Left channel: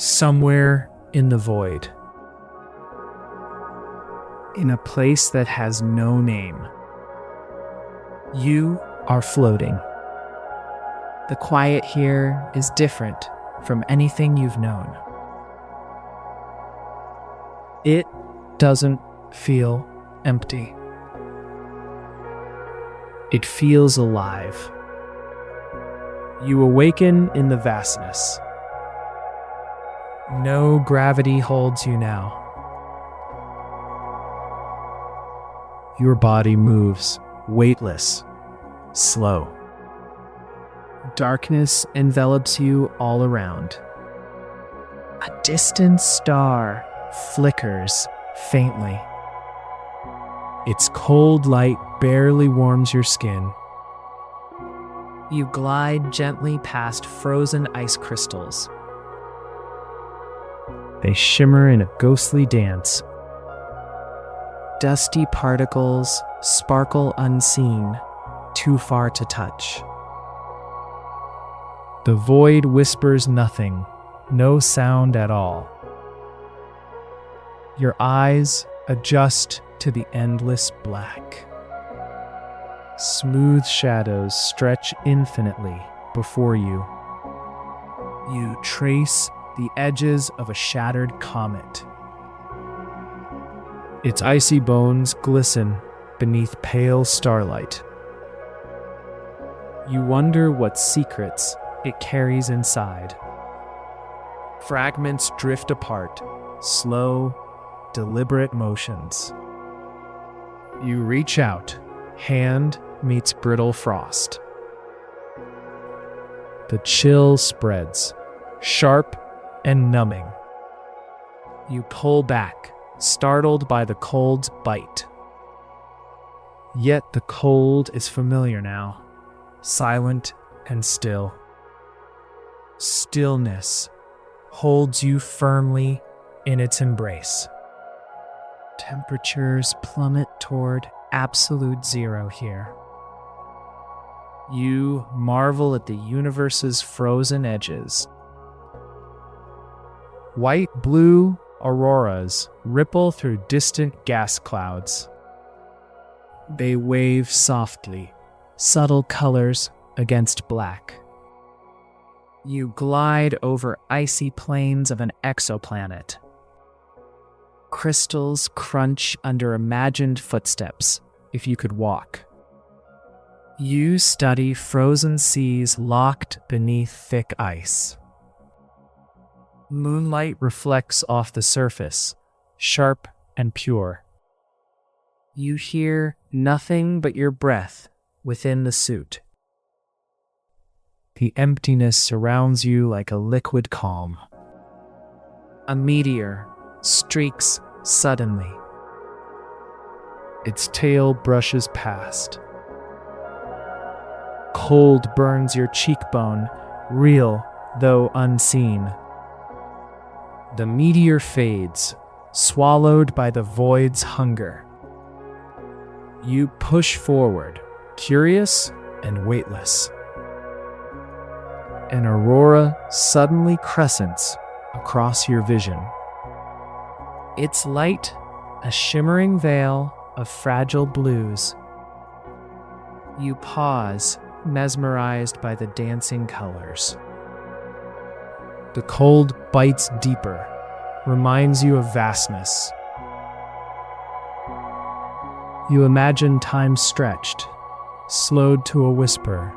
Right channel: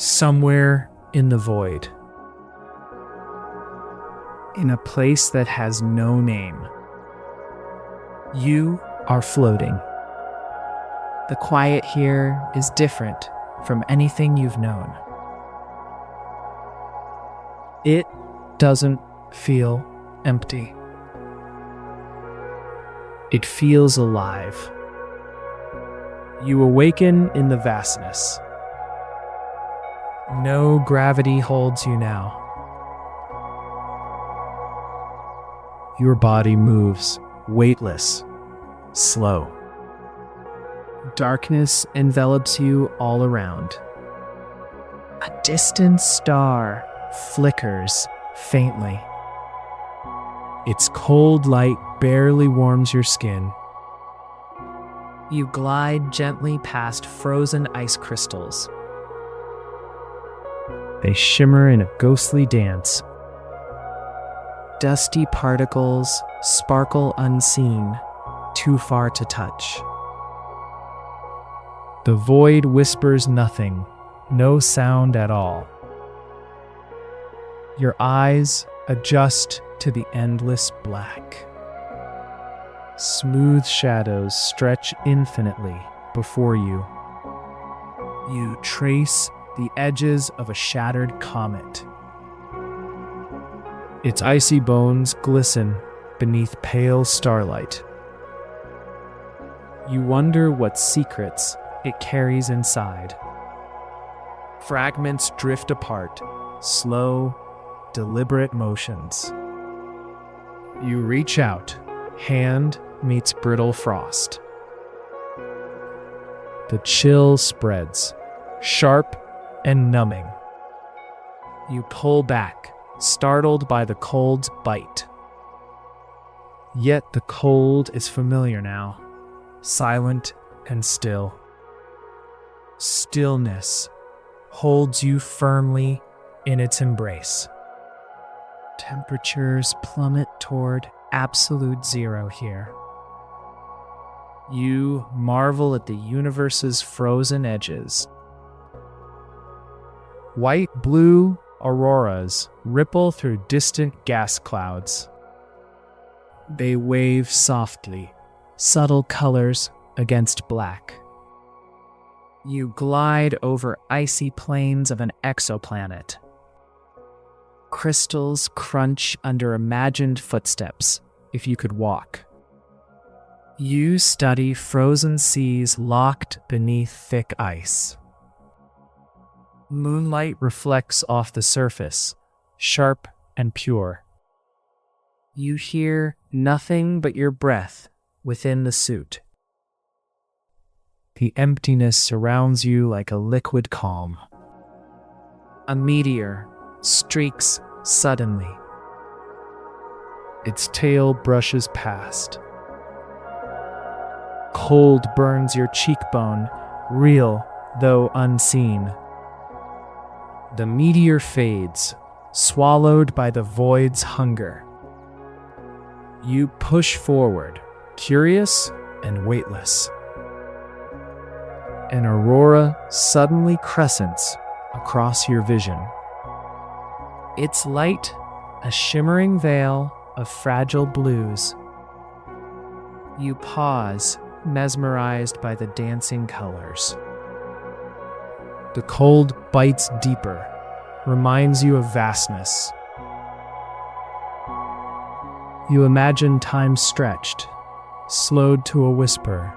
somewhere in the void, in a place that has no name. You are floating. The quiet here is different from anything you've known. It doesn't feel empty. It feels alive. You awaken in the vastness. No gravity holds you now. Your body moves, weightless, slow. Darkness envelops you all around. A distant star flickers faintly. Its cold light barely warms your skin. You glide gently past frozen ice crystals. They shimmer in a ghostly dance. Dusty particles sparkle unseen, too far to touch. The void whispers nothing, no sound at all. Your eyes adjust to the endless black. Smooth shadows stretch infinitely before you. You trace the edges of a shattered comet. Its icy bones glisten beneath pale starlight. You wonder what secrets it carries inside. Fragments drift apart, slow, deliberate motions. You reach out, hand meets brittle frost. The chill spreads, sharp and numbing. You pull back, startled by the cold's bite. Yet the cold is familiar now, silent and still. Stillness holds you firmly in its embrace. Temperatures plummet toward absolute zero here. You marvel at the universe's frozen edges. White-blue auroras ripple through distant gas clouds. They wave softly, subtle colors against black. You glide over icy plains of an exoplanet. Crystals crunch under imagined footsteps, if you could walk. You study frozen seas locked beneath thick ice. Moonlight reflects off the surface, sharp and pure. You hear nothing but your breath within the suit. The emptiness surrounds you like a liquid calm. A meteor streaks suddenly. Its tail brushes past. Cold burns your cheekbone, real though unseen. The meteor fades, swallowed by the void's hunger. You push forward, curious and weightless. An aurora suddenly crescents across your vision. Its light, a shimmering veil of fragile blues. You pause, mesmerized by the dancing colors. The cold bites deeper, reminds you of vastness. You imagine time stretched, slowed to a whisper.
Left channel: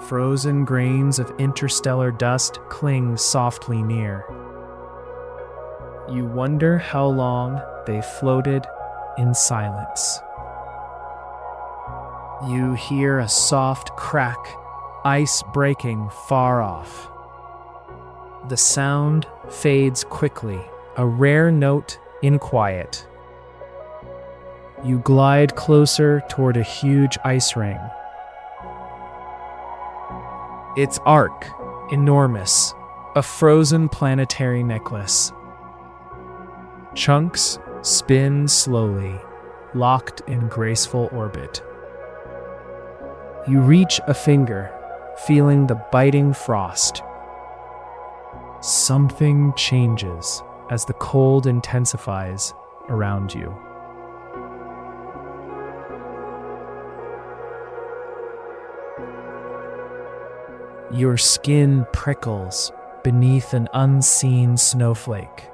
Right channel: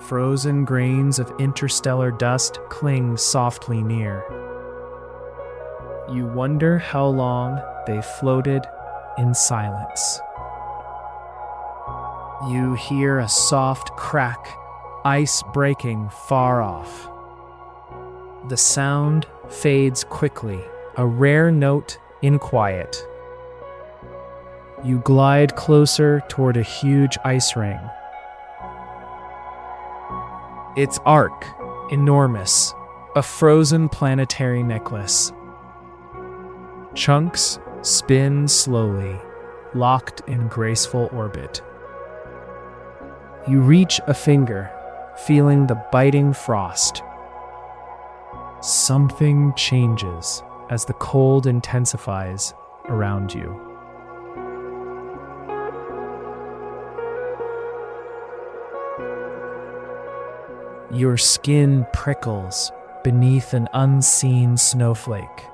Frozen grains of interstellar dust cling softly near. You wonder how long they floated in silence. You hear a soft crack, ice breaking far off. The sound fades quickly, a rare note in quiet. You glide closer toward a huge ice ring. Its arc, enormous, a frozen planetary necklace. Chunks spin slowly, locked in graceful orbit. You reach a finger, feeling the biting frost. Something changes as the cold intensifies around you. Your skin prickles beneath an unseen snowflake.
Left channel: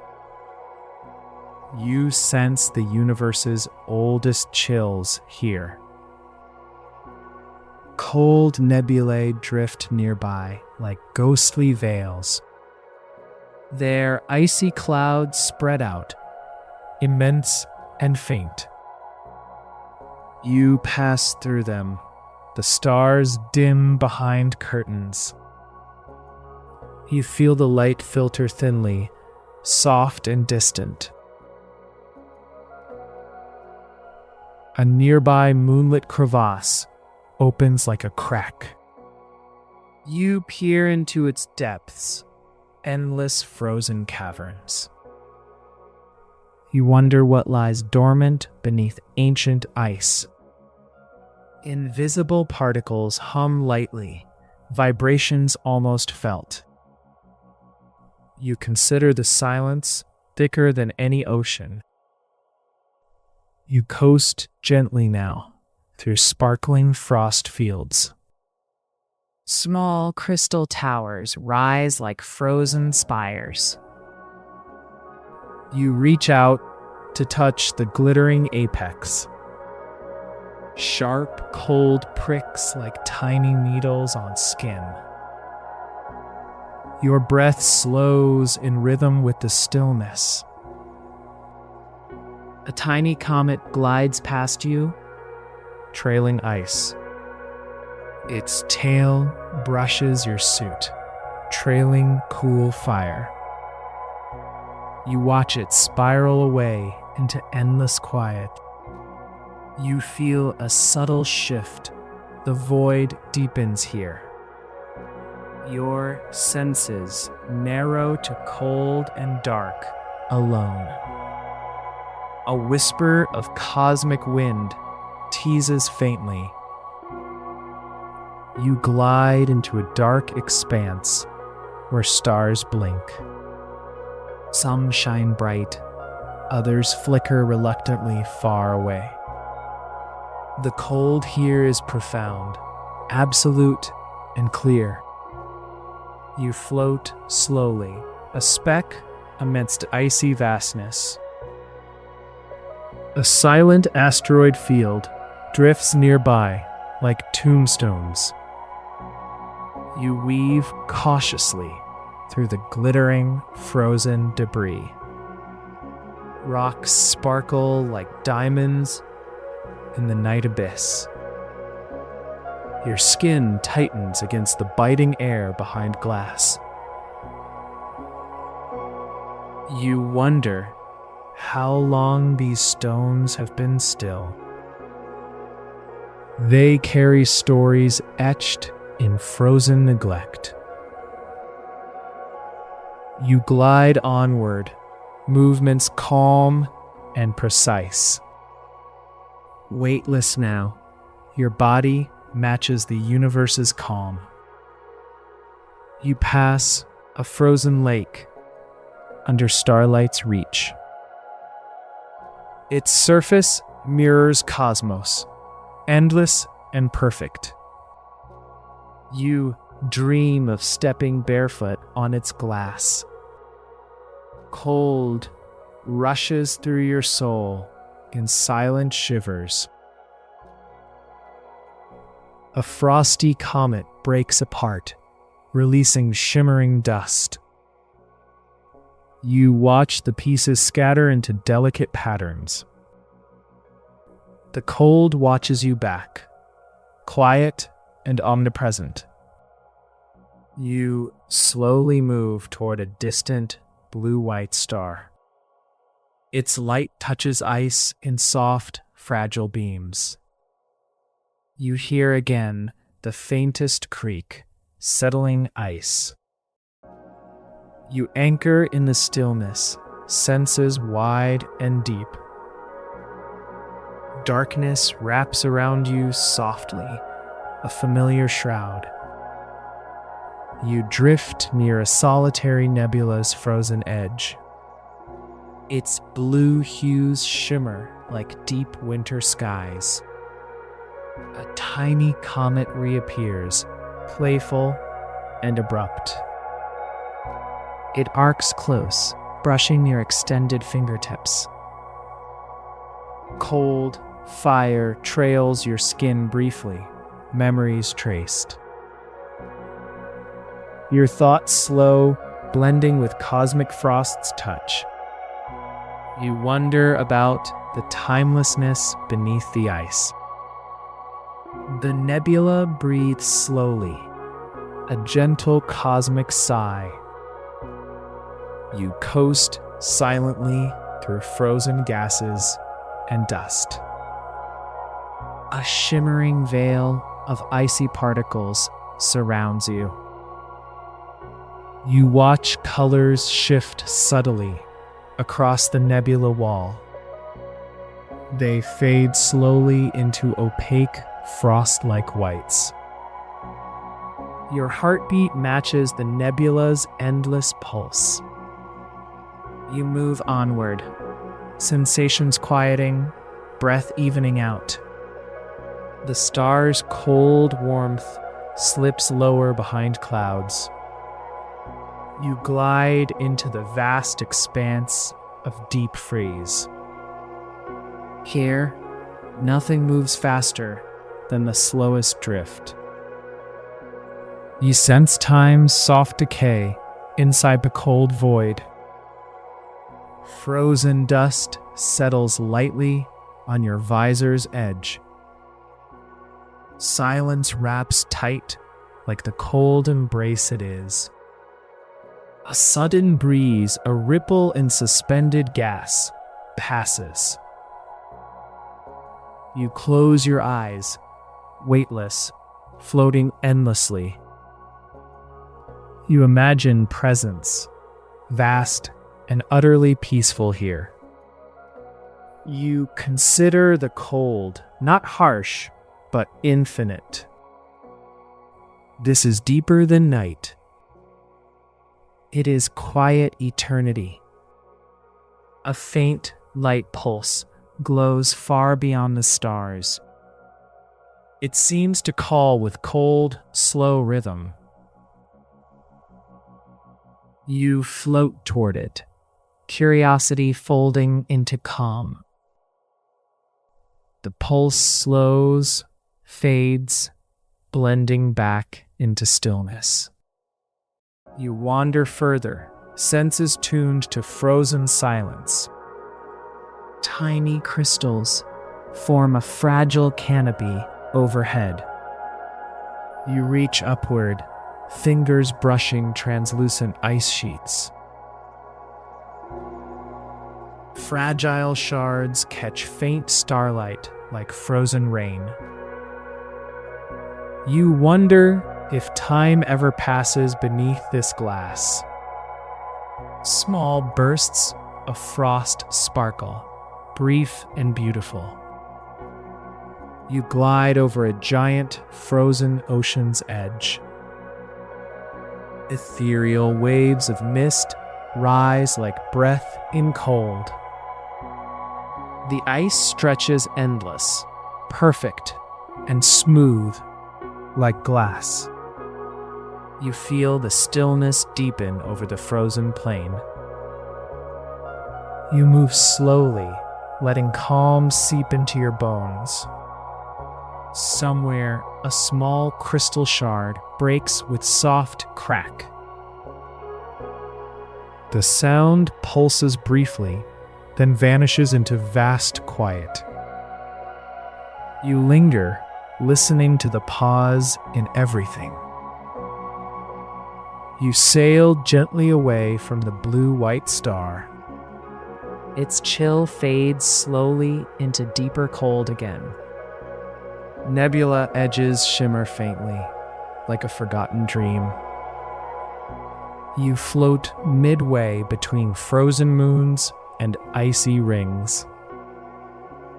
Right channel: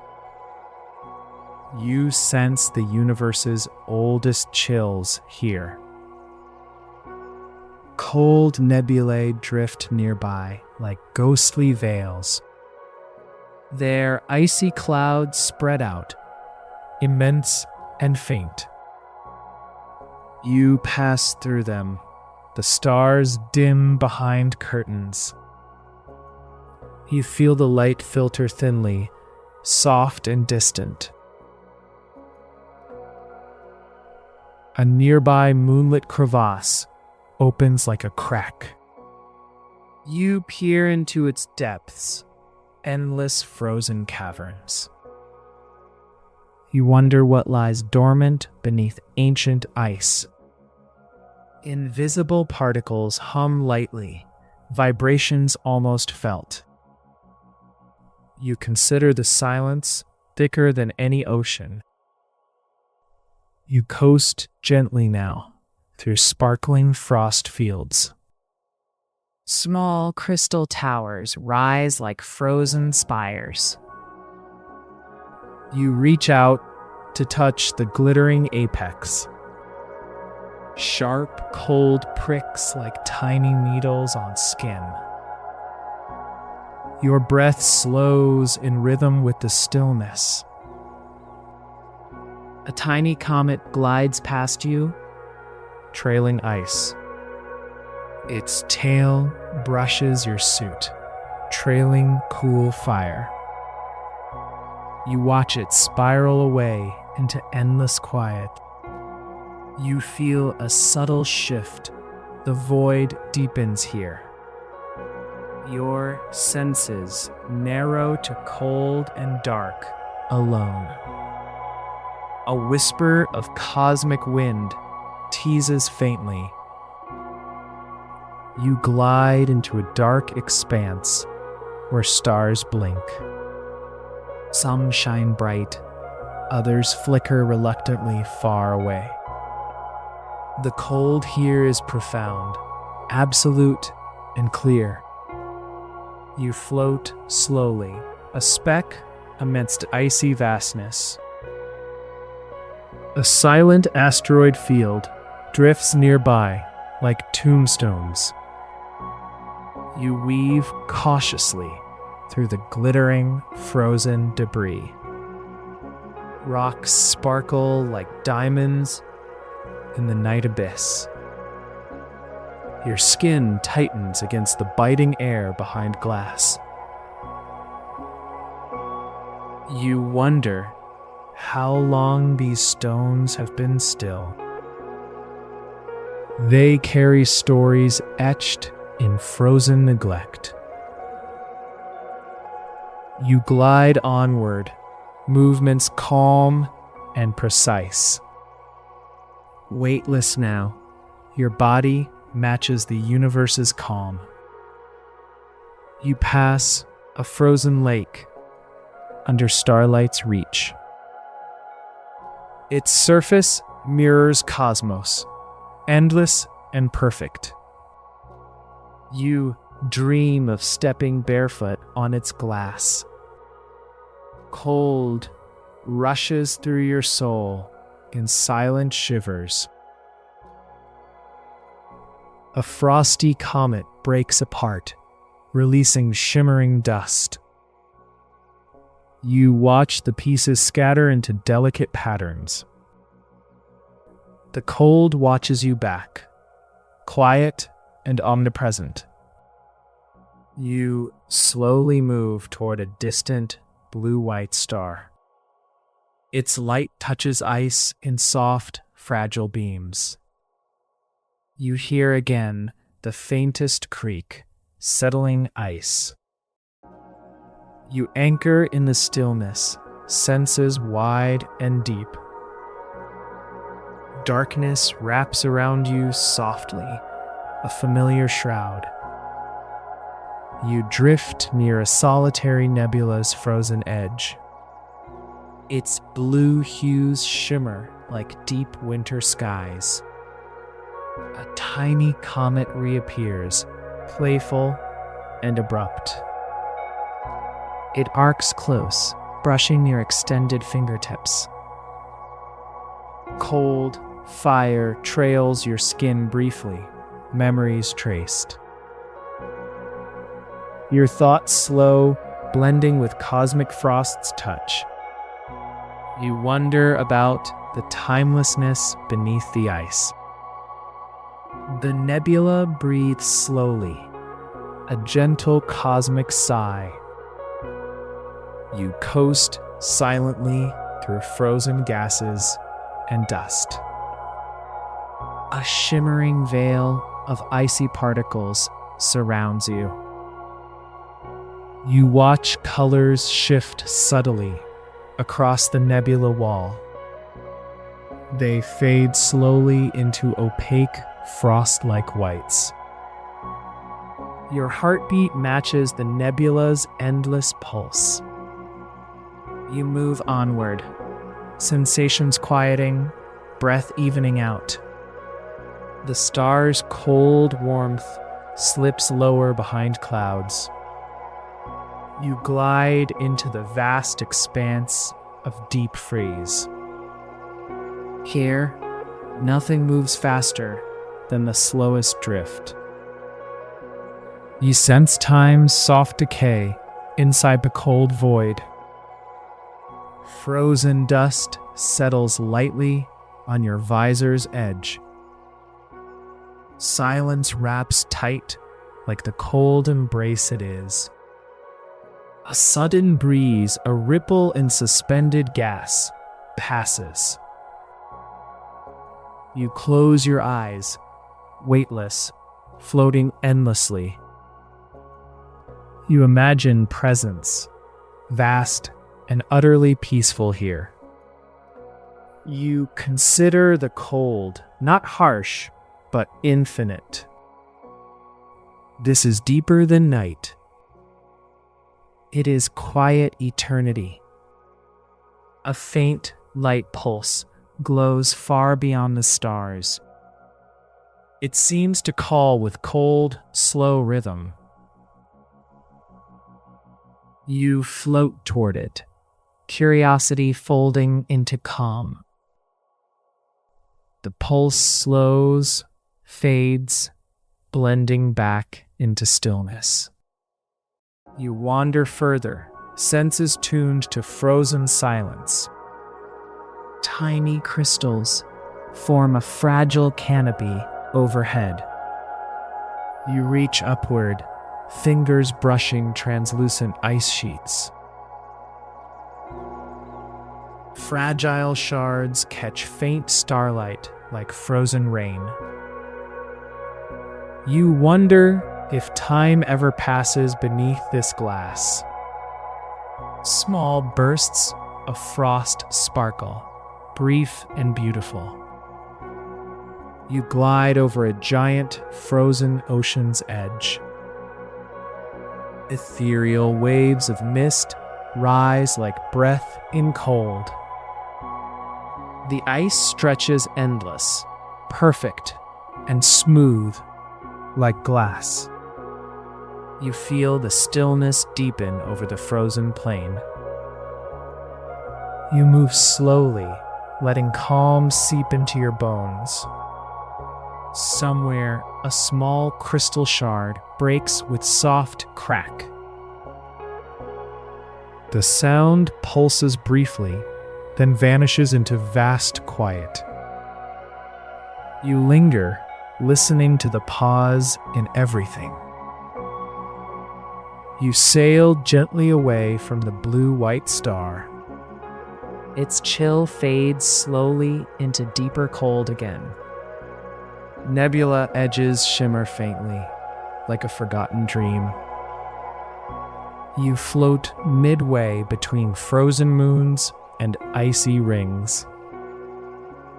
You sense the universe's oldest chills here. Cold nebulae drift nearby like ghostly veils. Their icy clouds spread out, immense and faint. You pass through them, the stars dim behind curtains. You feel the light filter thinly, soft and distant. A nearby moonlit crevasse opens like a crack. You peer into its depths, endless frozen caverns. You wonder what lies dormant beneath ancient ice. Invisible particles hum lightly, vibrations almost felt. You consider the silence thicker than any ocean. You coast gently now through sparkling frost fields. Small crystal towers rise like frozen spires. You reach out to touch the glittering apex. Sharp, cold pricks like tiny needles on skin. Your breath slows in rhythm with the stillness. A tiny comet glides past you, trailing ice. Its tail brushes your suit, trailing cool fire. You watch it spiral away into endless quiet. You feel a subtle shift. The void deepens here. Your senses narrow to cold and dark, alone. A whisper of cosmic wind teases faintly. You glide into a dark expanse where stars blink. Some shine bright, others flicker reluctantly far away. The cold here is profound, absolute and clear. You float slowly, a speck amidst icy vastness. A silent asteroid field drifts nearby like tombstones. You weave cautiously through the glittering, frozen debris. Rocks sparkle like diamonds in the night abyss. Your skin tightens against the biting air behind glass. You wonder how long these stones have been still. They carry stories etched in frozen neglect. You glide onward, movements calm and precise. Weightless now, your body matches the universe's calm. You pass a frozen lake under starlight's reach. Its surface mirrors cosmos, endless and perfect. You dream of stepping barefoot on its glass. Cold rushes through your soul in silent shivers. A frosty comet breaks apart, releasing shimmering dust. You watch the pieces scatter into delicate patterns. The cold watches you back, quiet and omnipresent. You slowly move toward a distant blue-white star. Its light touches ice in soft, fragile beams. You hear again the faintest creak, settling ice. You anchor in the stillness, senses wide and deep. Darkness wraps around you softly, a familiar shroud. You drift near a solitary nebula's frozen edge. Its blue hues shimmer like deep winter skies. A tiny comet reappears, playful and abrupt. It arcs close, brushing your extended fingertips. Cold fire trails your skin briefly, memories traced. Your thoughts slow, blending with cosmic frost's touch. You wonder about the timelessness beneath the ice. The nebula breathes slowly, a gentle cosmic sigh. You coast silently through frozen gases and dust. A shimmering veil of icy particles surrounds you. You watch colors shift subtly across the nebula wall. They fade slowly into opaque, frost-like whites. Your heartbeat matches the nebula's endless pulse. You move onward, sensations quieting, breath evening out. The star's cold warmth slips lower behind clouds. You glide into the vast expanse of deep freeze. Here, nothing moves faster than the slowest drift. You sense time's soft decay inside the cold void. Frozen dust settles lightly on your visor's edge. Silence wraps tight like the cold embrace it is. A sudden breeze, a ripple in suspended gas, passes. You close your eyes, weightless, floating endlessly. You imagine presence, vast and utterly peaceful here. You consider the cold, not harsh, but infinite. This is deeper than night. It is quiet eternity. A faint light pulse glows far beyond the stars. It seems to call with cold, slow rhythm. You float toward it, curiosity folding into calm. The pulse slows, fades, blending back into stillness. You wander further, senses tuned to frozen silence. Tiny crystals form a fragile canopy overhead. You reach upward, fingers brushing translucent ice sheets. Fragile shards catch faint starlight like frozen rain. You wonder if time ever passes beneath this glass. Small bursts of frost sparkle, brief and beautiful. You glide over a giant frozen ocean's edge. Ethereal waves of mist rise like breath in cold. The ice stretches endless, perfect and smooth like glass. You feel the stillness deepen over the frozen plain. You move slowly, letting calm seep into your bones. Somewhere, a small crystal shard breaks with soft crack. The sound pulses briefly, then vanishes into vast quiet. You linger, listening to the pause in everything. You sail gently away from the blue-white star. Its chill fades slowly into deeper cold again. Nebula edges shimmer faintly, like a forgotten dream. You float midway between frozen moons and icy rings.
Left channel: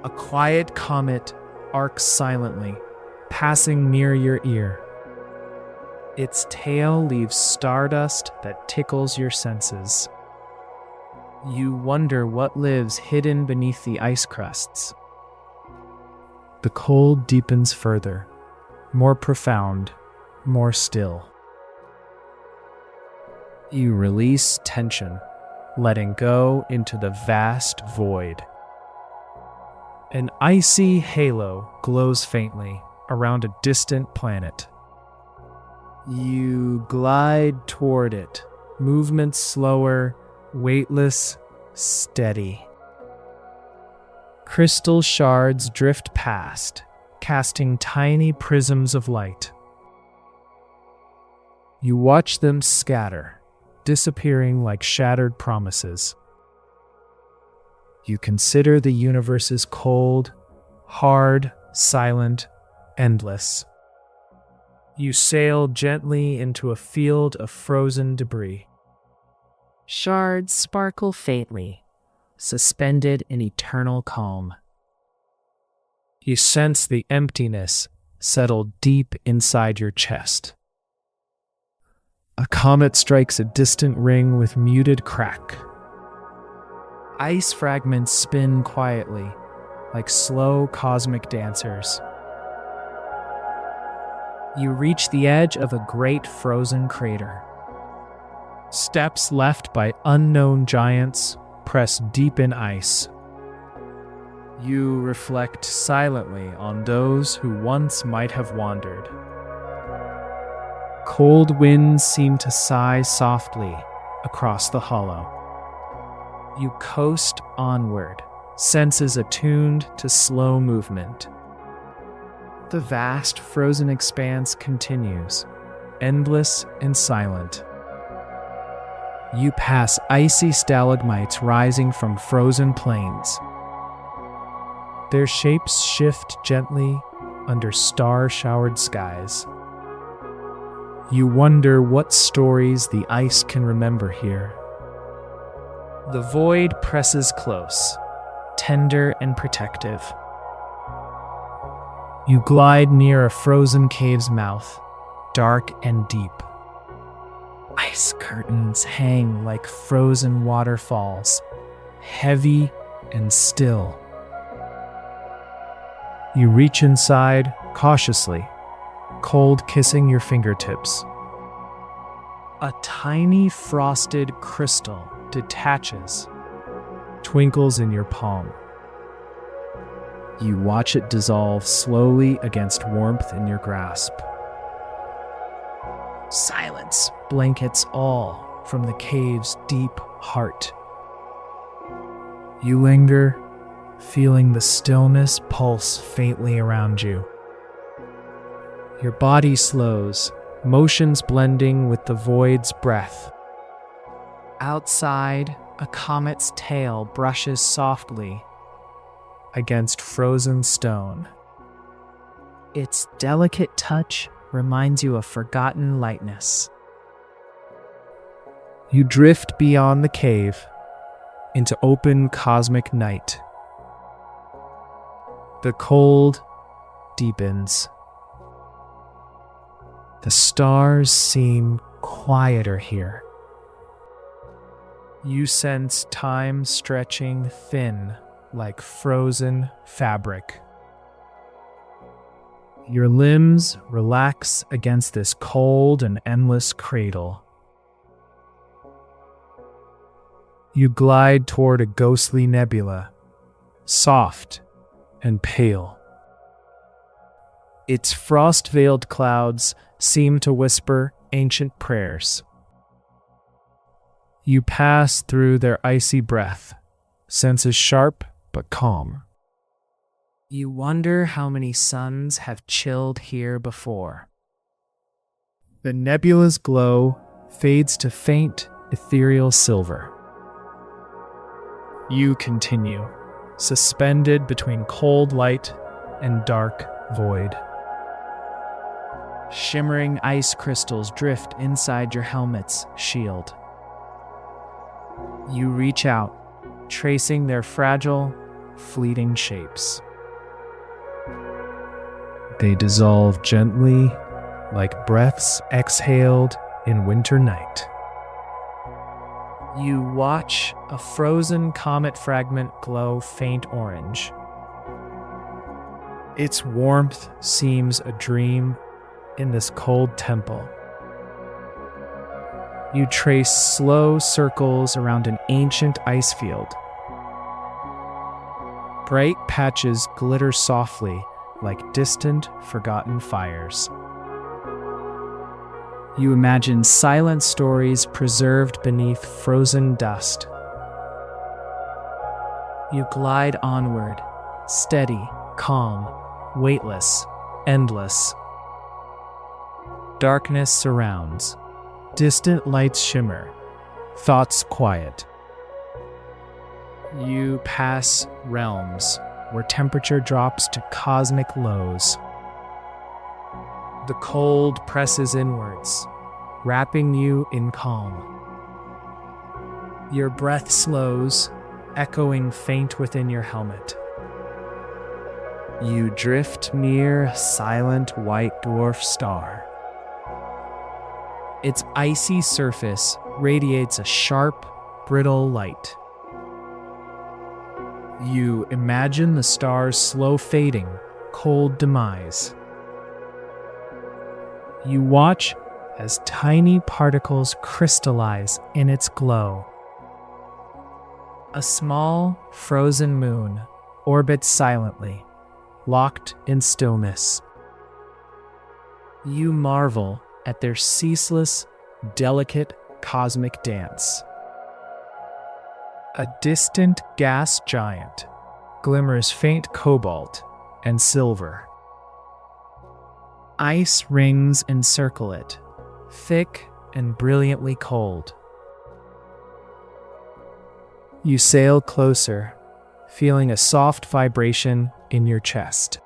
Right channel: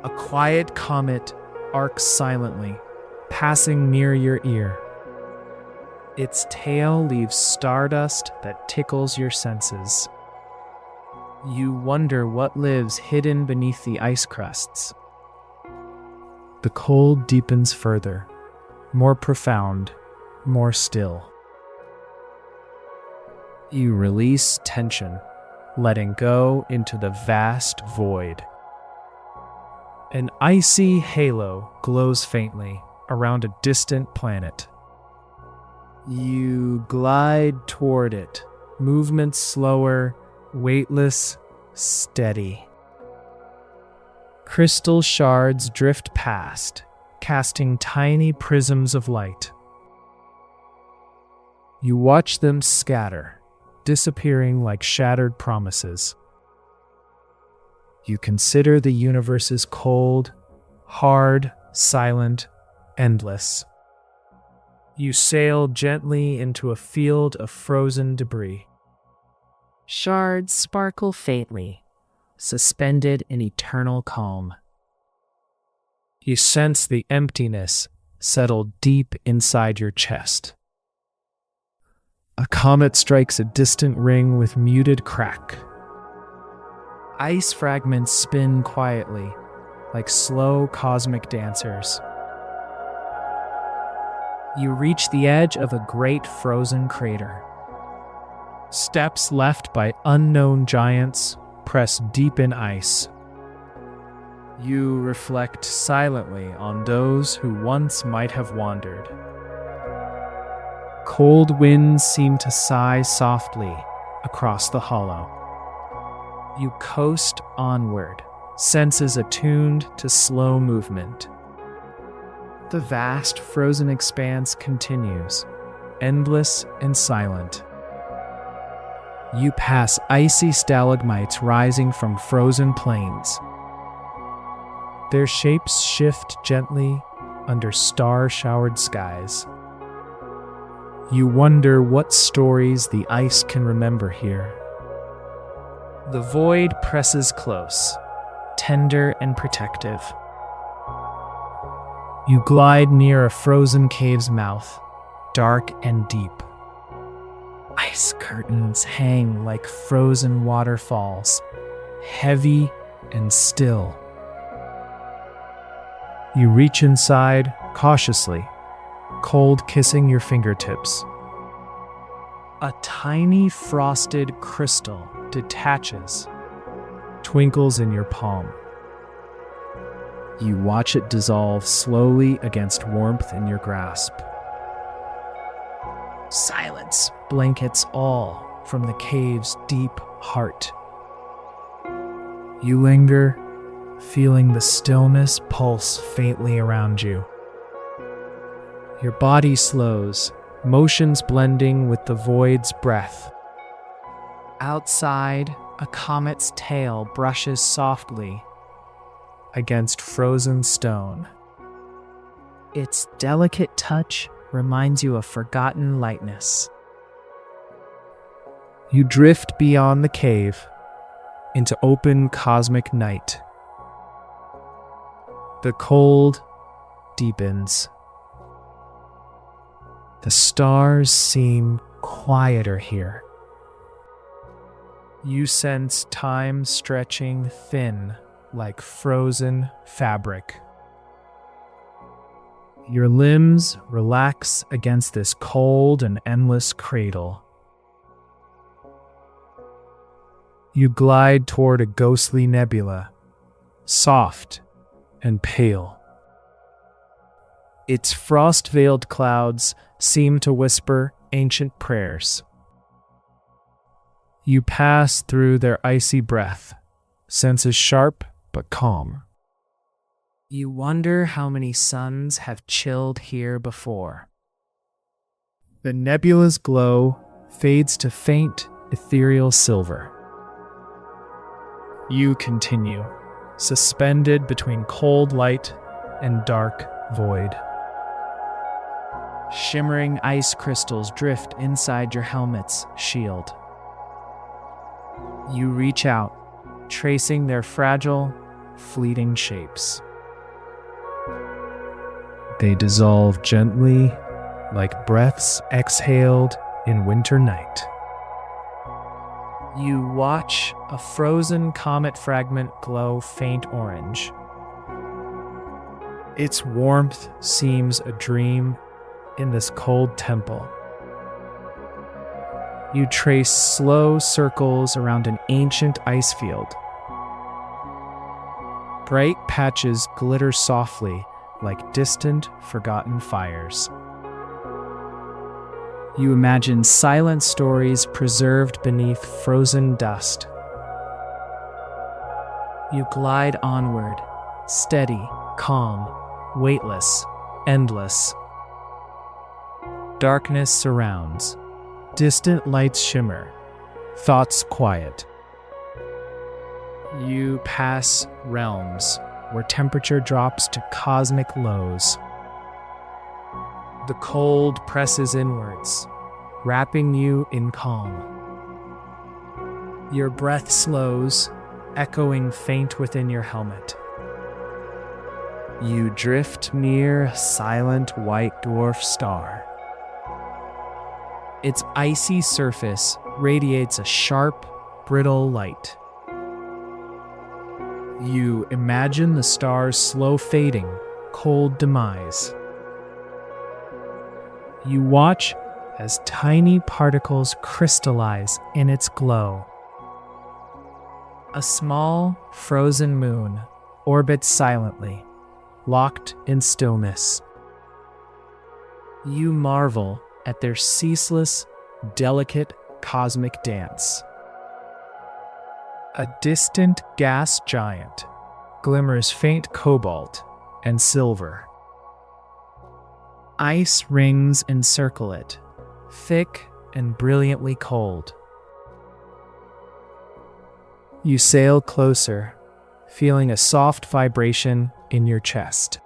A quiet comet arcs silently, passing near your ear. Its tail leaves stardust that tickles your senses. You wonder what lives hidden beneath the ice crusts. The cold deepens further, more profound, more still. You release tension, letting go into the vast void. An icy halo glows faintly around a distant planet. You glide toward it, movements slower, weightless, steady. Crystal shards drift past, casting tiny prisms of light. You watch them scatter, disappearing like shattered promises. You consider the universe as cold, hard, silent, endless. You sail gently into a field of frozen debris. Shards sparkle faintly, suspended in eternal calm. You sense the emptiness settle deep inside your chest. A comet strikes a distant ring with muted crack. Ice fragments spin quietly, like slow cosmic dancers. You reach the edge of a great frozen crater. Steps left by unknown giants press deep in ice. You reflect silently on those who once might have wandered. Cold winds seem to sigh softly across the hollow. You coast onward, senses attuned to slow movement. The vast frozen expanse continues, endless and silent. You pass icy stalagmites rising from frozen plains. Their shapes shift gently under star-showered skies. You wonder what stories the ice can remember here. The void presses close, tender and protective. You glide near a frozen cave's mouth, dark and deep. Ice curtains hang like frozen waterfalls, heavy and still. You reach inside cautiously, cold kissing your fingertips. A tiny frosted crystal detaches, twinkles in your palm. You watch it dissolve slowly against warmth in your grasp. Silence blankets all from the cave's deep heart. You linger, feeling the stillness pulse faintly around you. Your body slows, motions blending with the void's breath. Outside, a comet's tail brushes softly against frozen stone. Its delicate touch reminds you of forgotten lightness. You drift beyond the cave into open cosmic night. The cold deepens. The stars seem quieter here. You sense time stretching thin like frozen fabric. Your limbs relax against this cold and endless cradle. You glide toward a ghostly nebula, soft and pale. Its frost-veiled clouds seem to whisper ancient prayers. You pass through their icy breath, senses sharp but calm. You wonder how many suns have chilled here before. The nebula's glow fades to faint, ethereal silver. You continue, suspended between cold light and dark void. Shimmering ice crystals drift inside your helmet's shield. You reach out, tracing their fragile, fleeting shapes. They dissolve gently like breaths exhaled in winter night. You watch a frozen comet fragment glow faint orange. Its warmth seems a dream in this cold temple. You trace slow circles around an ancient ice field. Bright patches glitter softly like distant, forgotten fires. You imagine silent stories preserved beneath frozen dust. You glide onward, steady, calm, weightless, endless. Darkness surrounds. Distant lights shimmer. Thoughts quiet. You pass realms where temperature drops to cosmic lows. The cold presses inwards, wrapping you in calm. Your breath slows, echoing faint within your helmet. You drift near a silent white dwarf star. Its icy surface radiates a sharp, brittle light. You imagine the star's slow fading, cold demise. You watch as tiny particles crystallize in its glow. A small, frozen moon orbits silently, locked in stillness. You marvel at their ceaseless, delicate cosmic dance. A distant gas giant glimmers faint cobalt and silver. Ice rings encircle it, thick and brilliantly cold. You sail closer, feeling a soft vibration in your chest.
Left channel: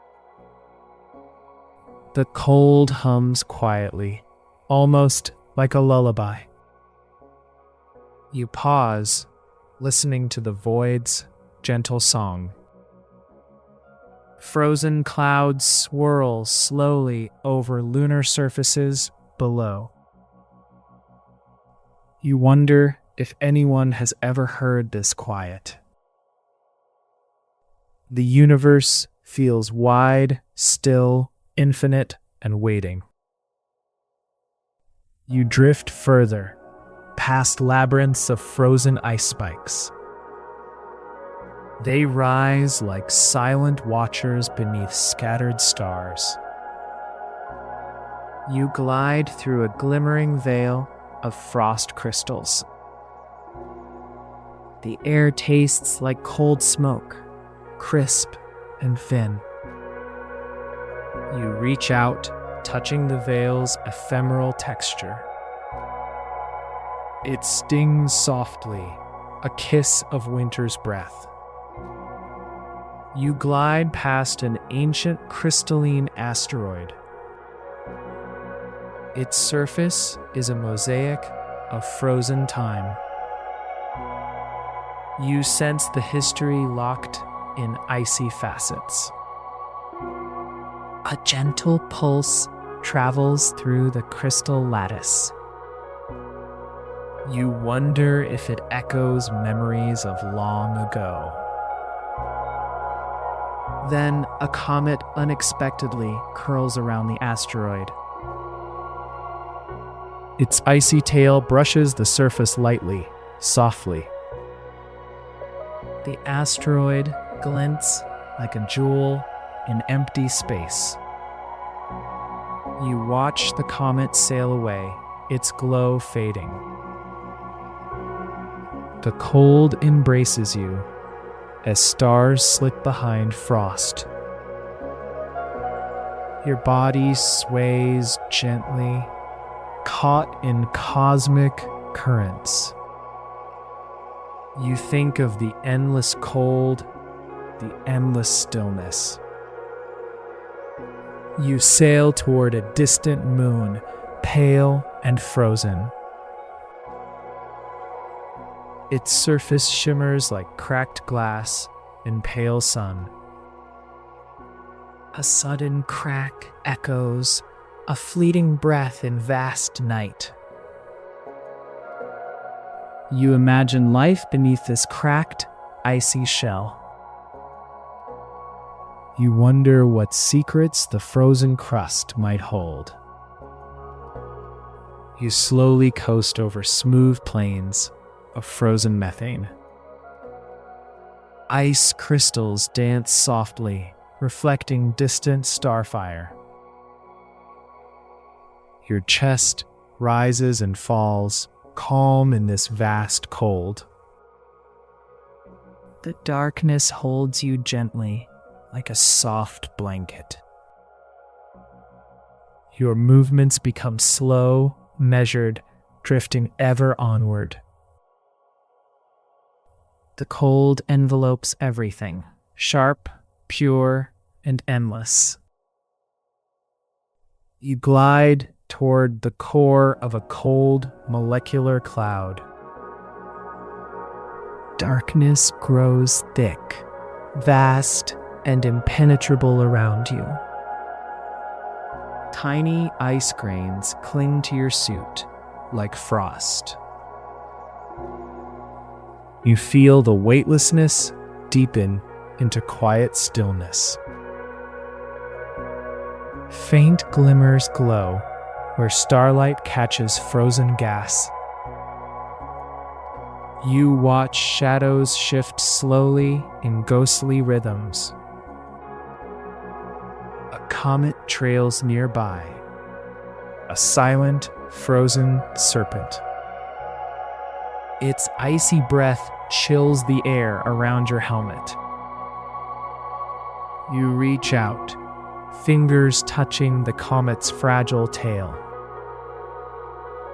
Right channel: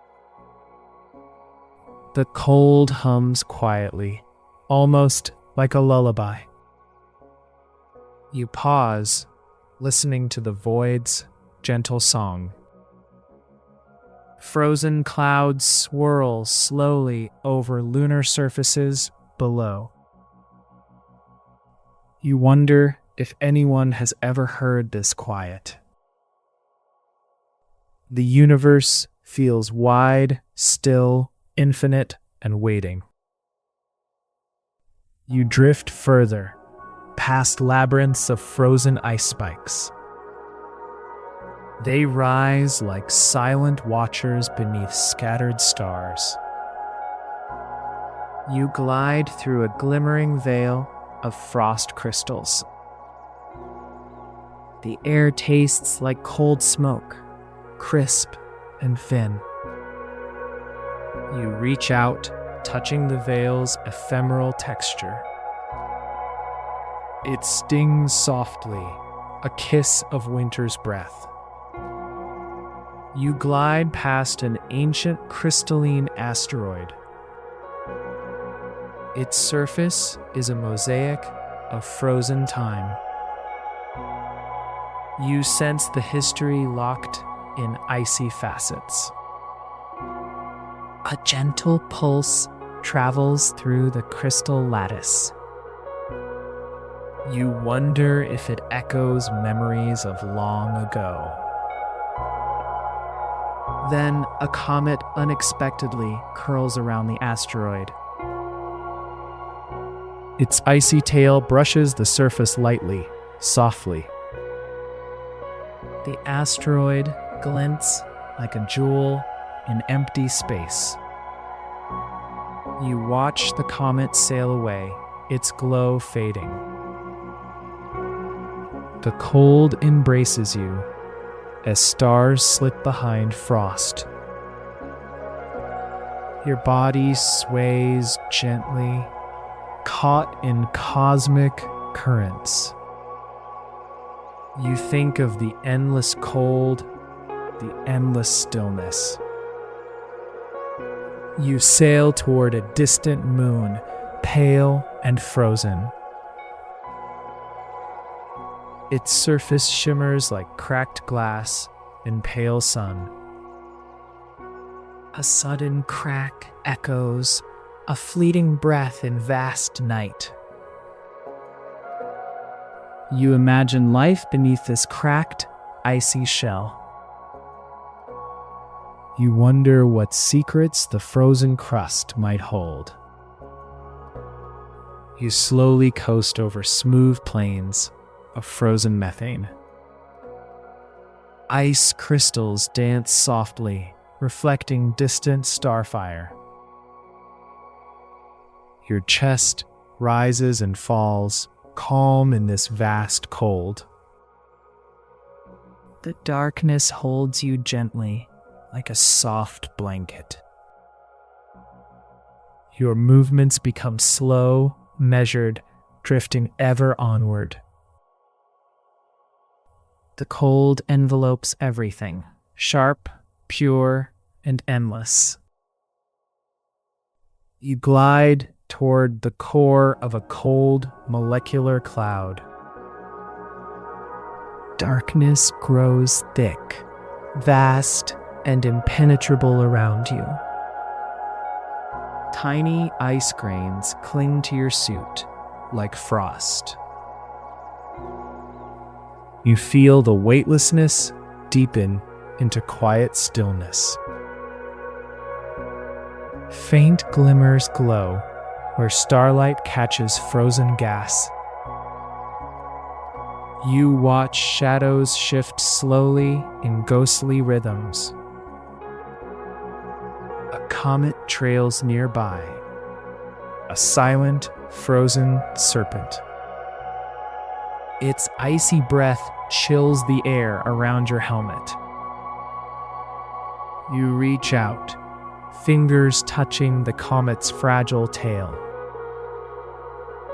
The cold hums quietly, almost like a lullaby. You pause, listening to the void's gentle song. Frozen clouds swirl slowly over lunar surfaces below. You wonder if anyone has ever heard this quiet. The universe feels wide, still, infinite, and waiting. You drift further, past labyrinths of frozen ice spikes. They rise like silent watchers beneath scattered stars. You glide through a glimmering veil of frost crystals. The air tastes like cold smoke, crisp and thin. You reach out, touching the veil's ephemeral texture. It stings softly, a kiss of winter's breath. You glide past an ancient crystalline asteroid. Its surface is a mosaic of frozen time. You sense the history locked in icy facets. A gentle pulse travels through the crystal lattice. You wonder if it echoes memories of long ago. Then a comet unexpectedly curls around the asteroid. Its icy tail brushes the surface lightly, softly. The asteroid glints like a jewel in empty space. You watch the comet sail away, its glow fading. The cold embraces you as stars slip behind frost. Your body sways gently, caught in cosmic currents. You think of the endless cold, the endless stillness. You sail toward a distant moon, pale and frozen. Its surface shimmers like cracked glass in pale sun. A sudden crack echoes, a fleeting breath in vast night. You imagine life beneath this cracked, icy shell. You wonder what secrets the frozen crust might hold. You slowly coast over smooth plains of frozen methane. Ice crystals dance softly, reflecting distant starfire. Your chest rises and falls, calm in this vast cold. The darkness holds you gently, like a soft blanket. Your movements become slow, measured, drifting ever onward. The cold envelopes everything, sharp, pure, and endless. You glide toward the core of a cold molecular cloud. Darkness grows thick, vast, and impenetrable around you. Tiny ice grains cling to your suit like frost. You feel the weightlessness deepen into quiet stillness. Faint glimmers glow where starlight catches frozen gas. You watch shadows shift slowly in ghostly rhythms. A comet trails nearby, a silent, frozen serpent. Its icy breath chills the air around your helmet. You reach out, fingers touching the comet's fragile tail.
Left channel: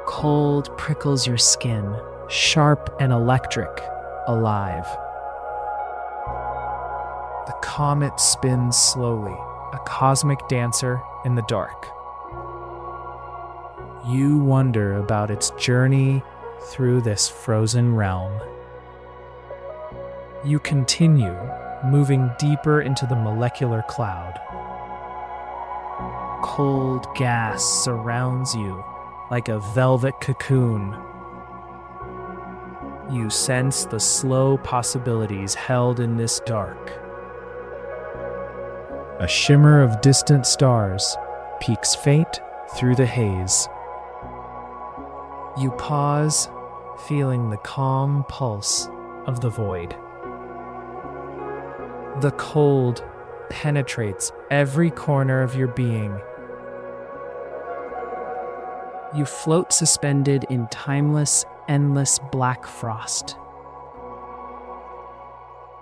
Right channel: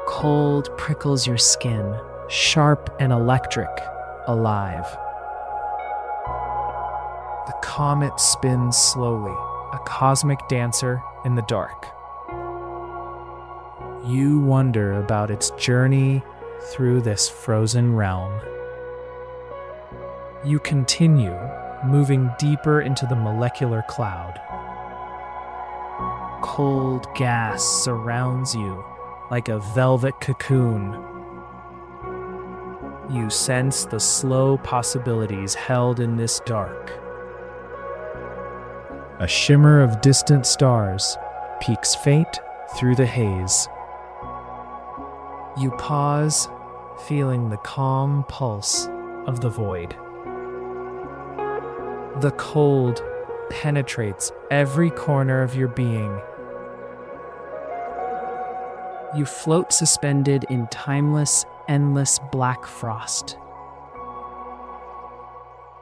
Cold prickles your skin, sharp and electric, alive. The comet spins slowly, a cosmic dancer in the dark. You wonder about its journey through this frozen realm. You continue, moving deeper into the molecular cloud. Cold gas surrounds you like a velvet cocoon. You sense the slow possibilities held in this dark. A shimmer of distant stars peeks faint through the haze. You pause, feeling the calm pulse of the void. The cold penetrates every corner of your being. You float suspended in timeless, endless black frost.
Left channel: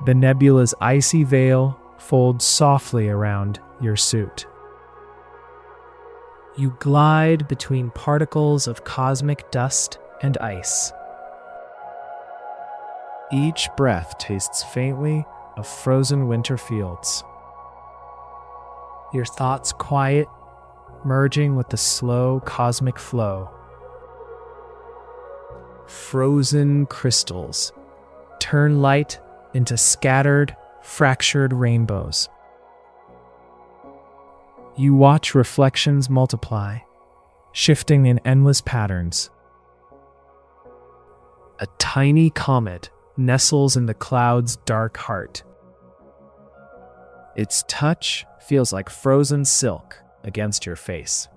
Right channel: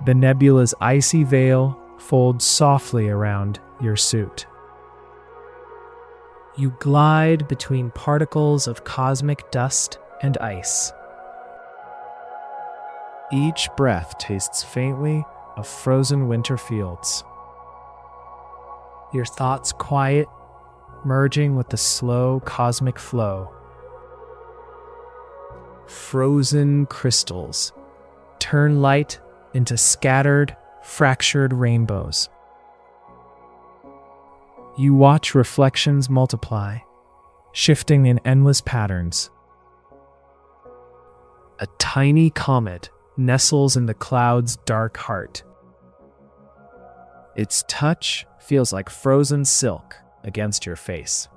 The nebula's icy veil folds softly around your suit. You glide between particles of cosmic dust and ice. Each breath tastes faintly of frozen winter fields. Your thoughts quiet, merging with the slow cosmic flow. Frozen crystals turn light into scattered, fractured rainbows. You watch reflections multiply, shifting in endless patterns. A tiny comet nestles in the cloud's dark heart. Its touch feels like frozen silk against your face.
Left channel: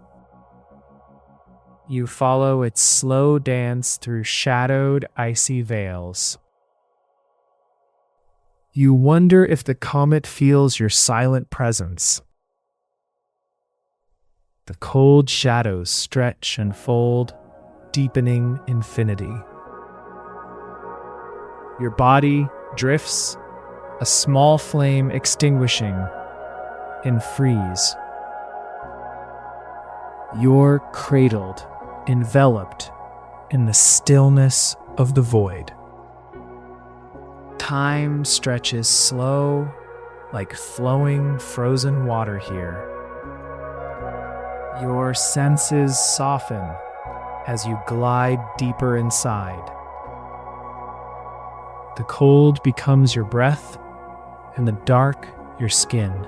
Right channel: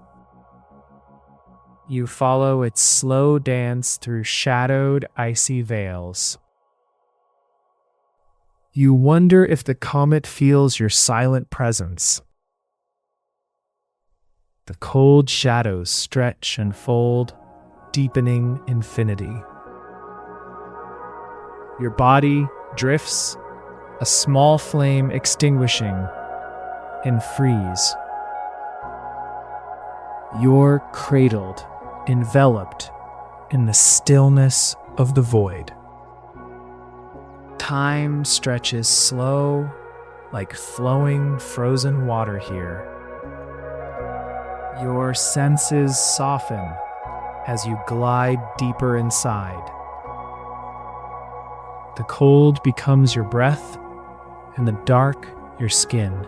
You follow its slow dance through shadowed, icy veils. You wonder if the comet feels your silent presence. The cold shadows stretch and fold, deepening infinity. Your body drifts, a small flame extinguishing in freeze. You're cradled, enveloped in the stillness of the void. Time stretches slow, like flowing frozen water here. Your senses soften as you glide deeper inside. The cold becomes your breath, and the dark your skin.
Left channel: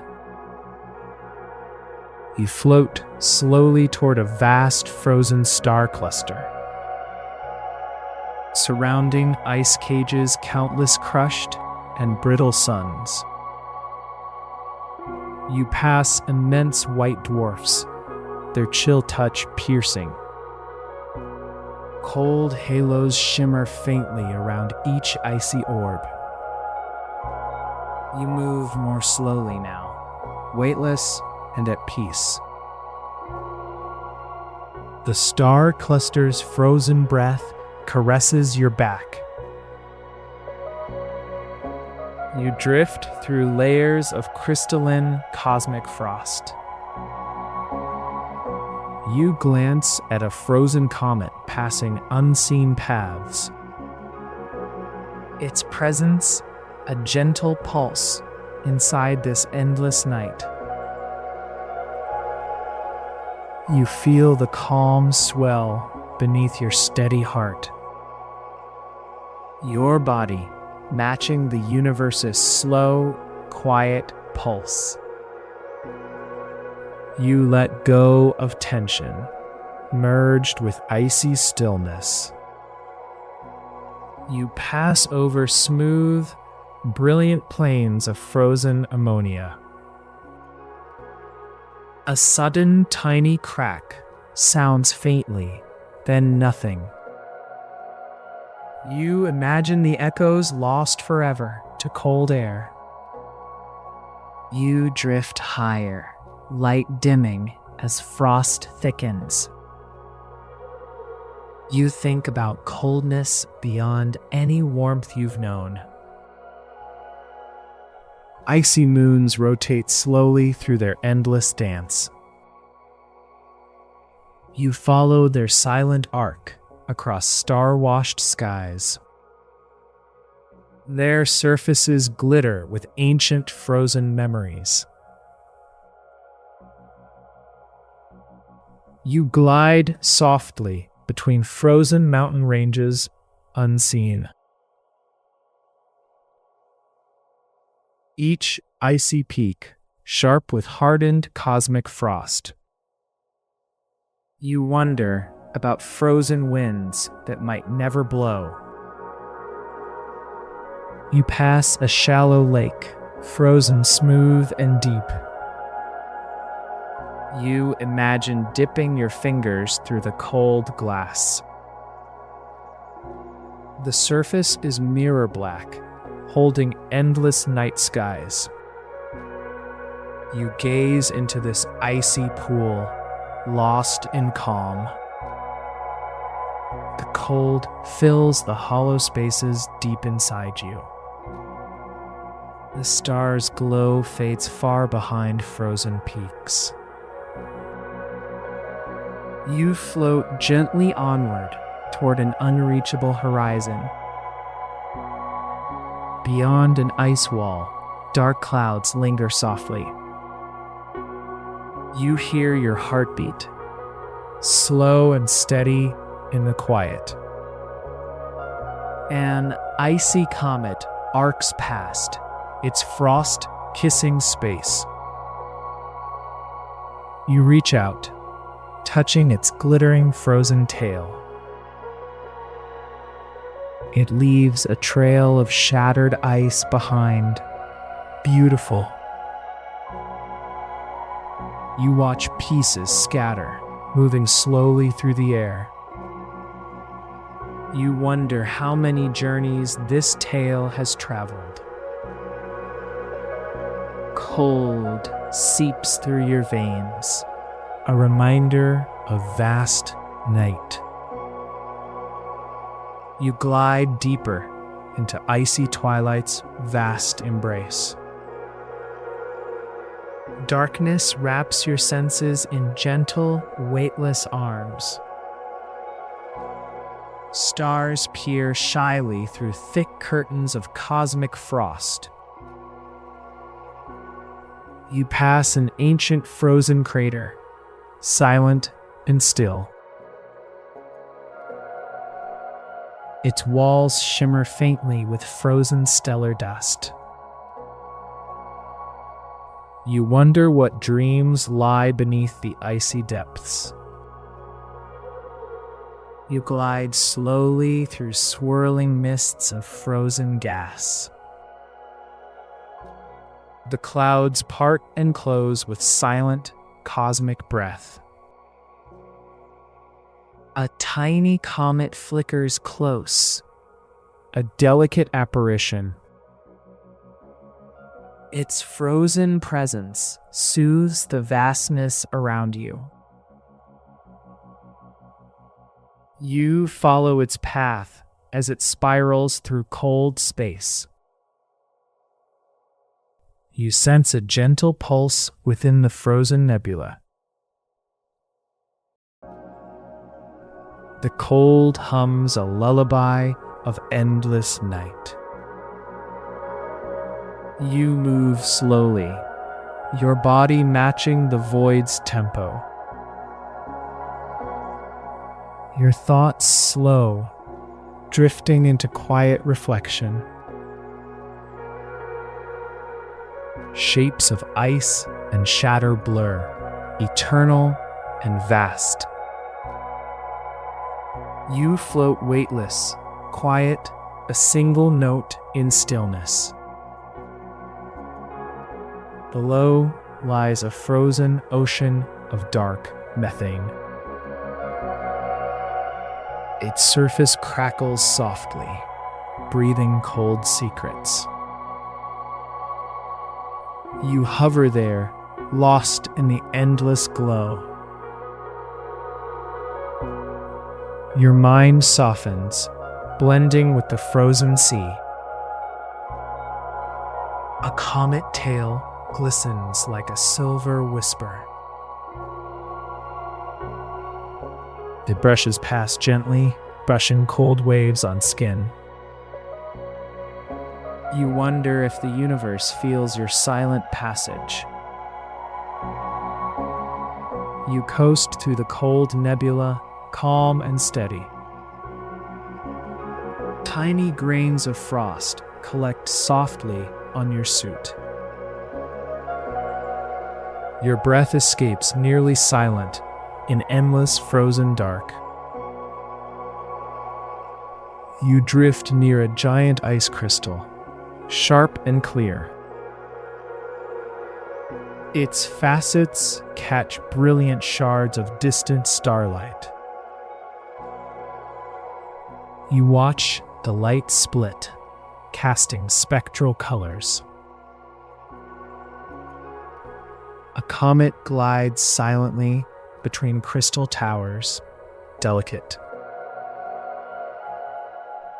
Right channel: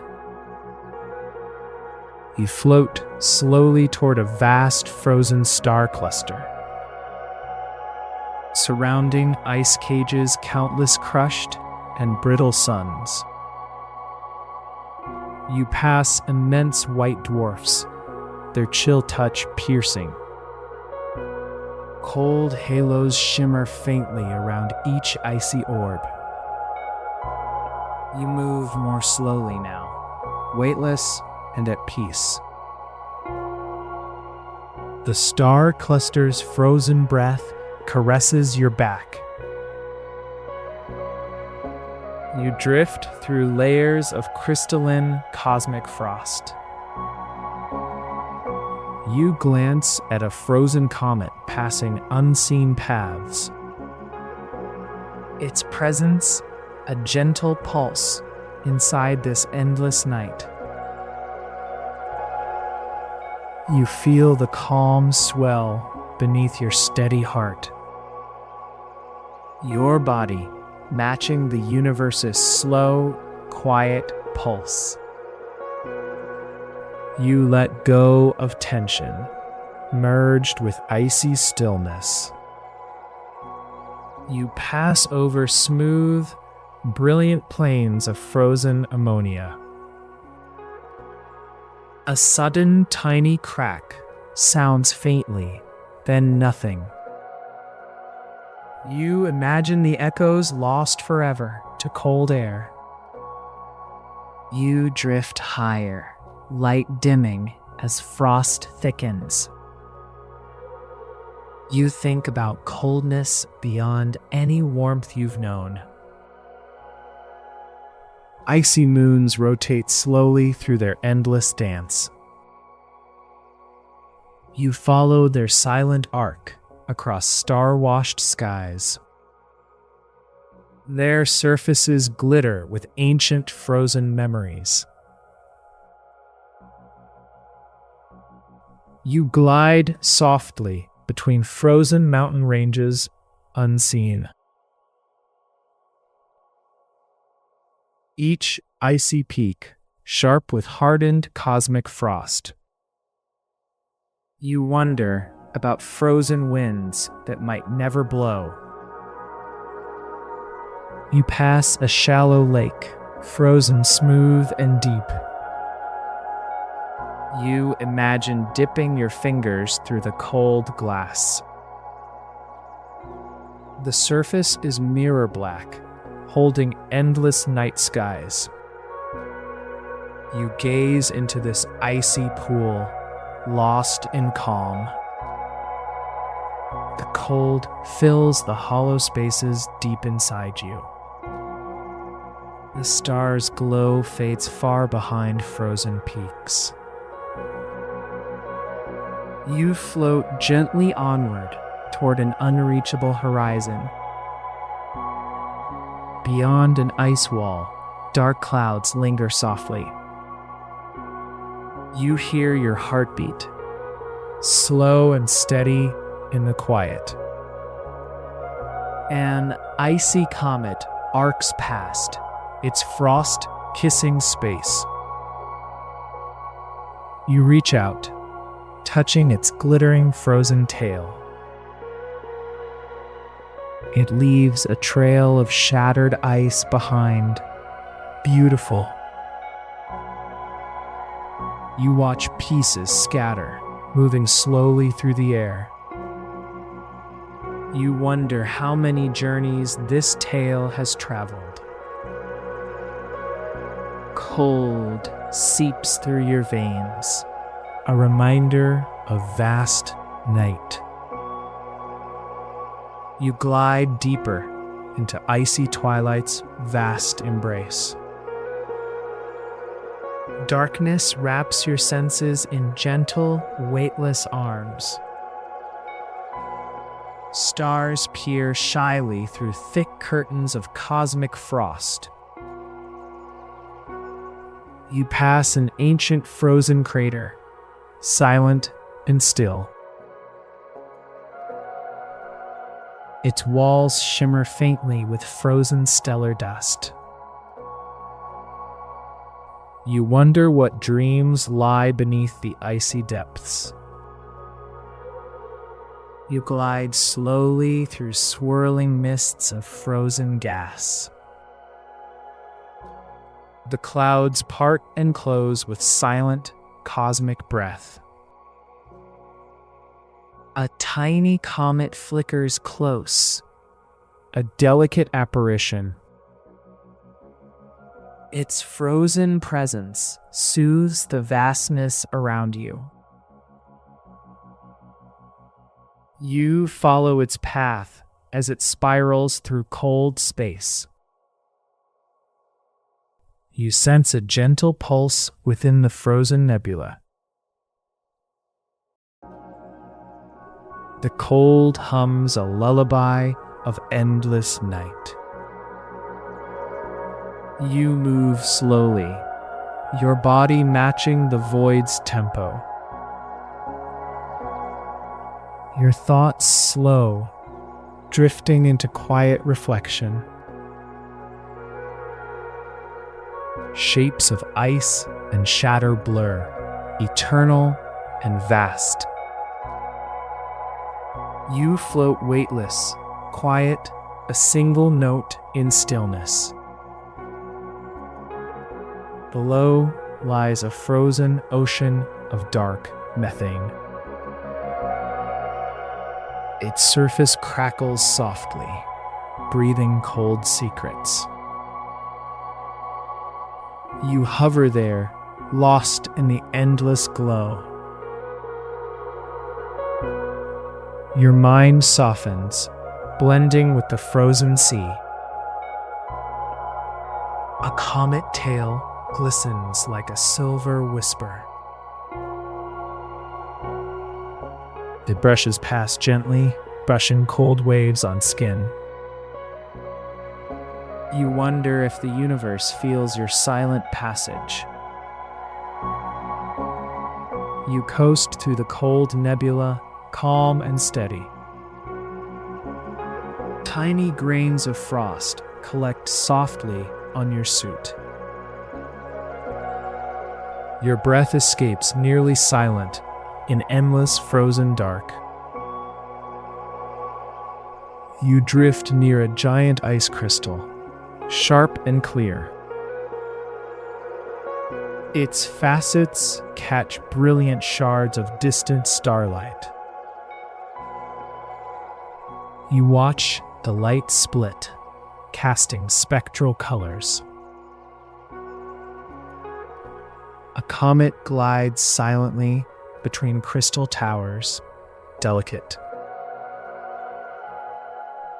You float slowly toward a vast frozen star cluster. Surrounding ice cages, countless crushed and brittle suns. You pass immense white dwarfs, their chill touch piercing. Cold halos shimmer faintly around each icy orb. You move more slowly now, weightless and at peace. The star cluster's frozen breath caresses your back. You drift through layers of crystalline cosmic frost. You glance at a frozen comet passing unseen paths. Its presence, a gentle pulse inside this endless night. You feel the calm swell beneath your steady heart. Your body matching the universe's slow, quiet pulse. You let go of tension, merged with icy stillness. You pass over smooth, brilliant plains of frozen ammonia. A sudden tiny crack sounds faintly, then nothing. You imagine the echoes lost forever to cold air. You drift higher, light dimming as frost thickens. You think about coldness beyond any warmth you've known. Icy moons rotate slowly through their endless dance. You follow their silent arc across star-washed skies. Their surfaces glitter with ancient frozen memories. You glide softly between frozen mountain ranges, unseen. Each icy peak, sharp with hardened cosmic frost. You wonder about frozen winds that might never blow. You pass a shallow lake, frozen smooth and deep. You imagine dipping your fingers through the cold glass. The surface is mirror black, holding endless night skies. You gaze into this icy pool, lost in calm. The cold fills the hollow spaces deep inside you. The star's glow fades far behind frozen peaks. You float gently onward toward an unreachable horizon. Beyond an ice wall, dark clouds linger softly. You hear your heartbeat, slow and steady in the quiet. An icy comet arcs past, its frost kissing space. You reach out, touching its glittering frozen tail. It leaves a trail of shattered ice behind. Beautiful. You watch pieces scatter, moving slowly through the air. You wonder how many journeys this tail has traveled. Cold seeps through your veins, a reminder of vast night. You glide deeper into icy twilight's vast embrace. Darkness wraps your senses in gentle, weightless arms. Stars peer shyly through thick curtains of cosmic frost. You pass an ancient frozen crater, silent and still. Its walls shimmer faintly with frozen stellar dust. You wonder what dreams lie beneath the icy depths. You glide slowly through swirling mists of frozen gas. The clouds part and close with silent, cosmic breath. A tiny comet flickers close, a delicate apparition. Its frozen presence soothes the vastness around you. You follow its path as it spirals through cold space. You sense a gentle pulse within the frozen nebula. The cold hums a lullaby of endless night. You move slowly, your body matching the void's tempo. Your thoughts slow, drifting into quiet reflection. Shapes of ice and shadow blur, eternal and vast. You float weightless, quiet, a single note in stillness. Below lies a frozen ocean of dark methane. Its surface crackles softly, breathing cold secrets. You hover there, lost in the endless glow. Your mind softens, blending with the frozen sea. A comet tail glistens like a silver whisper. It brushes past gently, brushing cold waves on skin. You wonder if the universe feels your silent passage. You coast through the cold nebula, calm and steady. Tiny grains of frost collect softly on your suit. Your breath escapes nearly silent in endless frozen dark. You drift near a giant ice crystal, sharp and clear. Its facets catch brilliant shards of distant starlight. You watch the light split, casting spectral colors. A comet glides silently between crystal towers, delicate.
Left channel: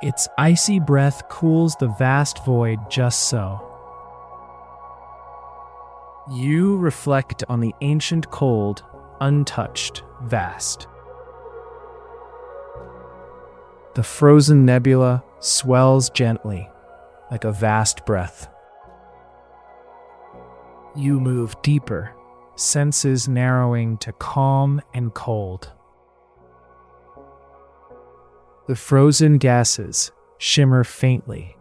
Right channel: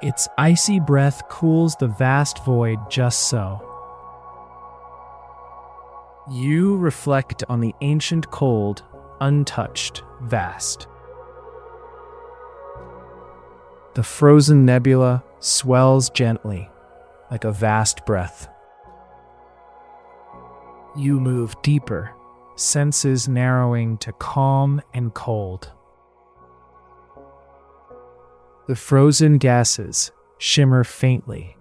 Its icy breath cools the vast void just so. You reflect on the ancient cold, untouched, vast. The frozen nebula swells gently, like a vast breath. You move deeper, senses narrowing to calm and cold. The frozen gases shimmer faintly,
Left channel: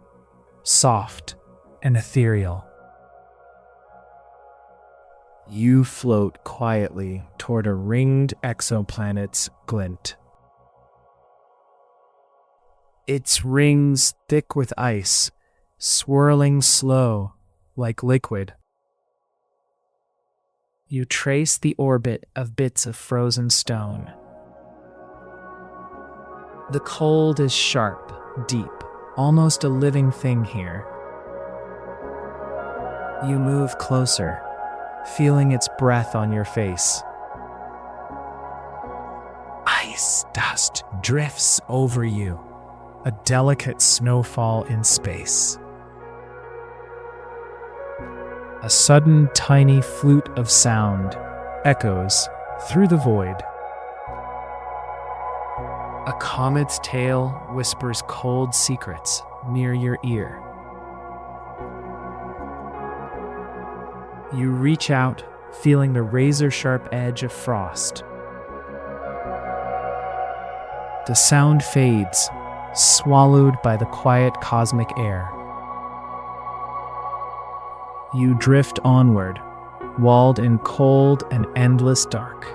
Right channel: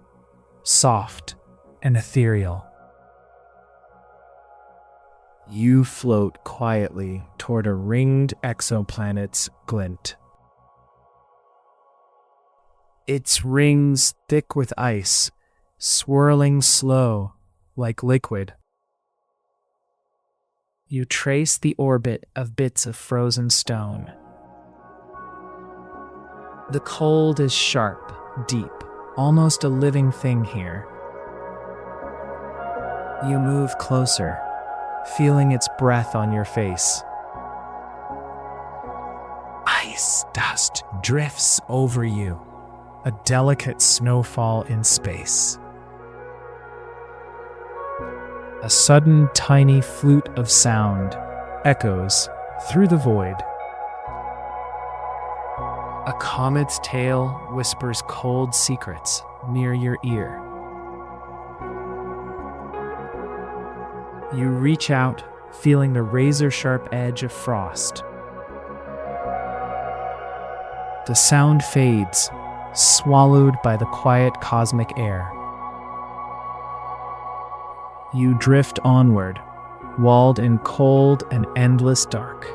soft and ethereal. You float quietly toward a ringed exoplanet's glint. Its rings thick with ice, swirling slow like liquid. You trace the orbit of bits of frozen stone. The cold is sharp, deep, almost a living thing here. You move closer, feeling its breath on your face. Ice dust drifts over you, a delicate snowfall in space. A sudden tiny flute of sound echoes through the void. A comet's tail whispers cold secrets near your ear. You reach out, feeling the razor-sharp edge of frost. The sound fades, swallowed by the quiet cosmic air. You drift onward, walled in cold and endless dark.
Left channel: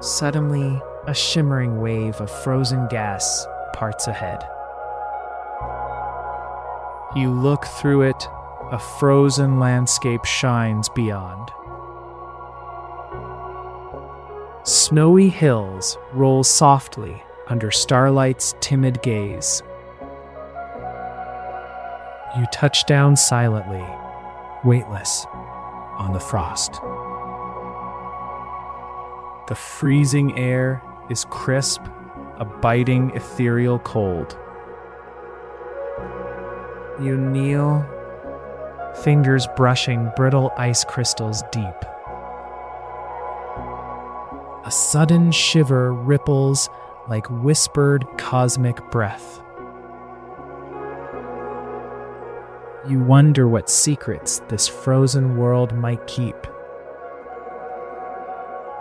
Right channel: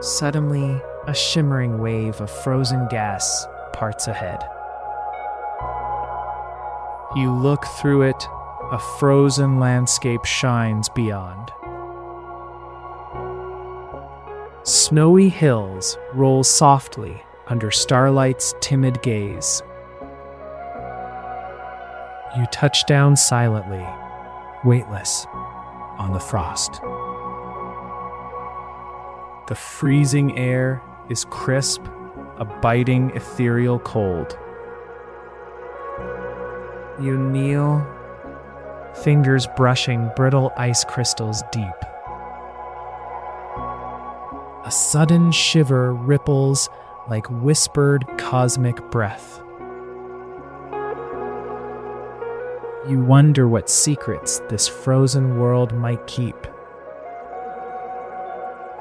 Suddenly, a shimmering wave of frozen gas parts ahead. You look through it, a frozen landscape shines beyond. Snowy hills roll softly under starlight's timid gaze. You touch down silently, weightless, on the frost. The freezing air is crisp, a biting ethereal cold. You kneel, fingers brushing brittle ice crystals deep. A sudden shiver ripples like whispered cosmic breath. You wonder what secrets this frozen world might keep.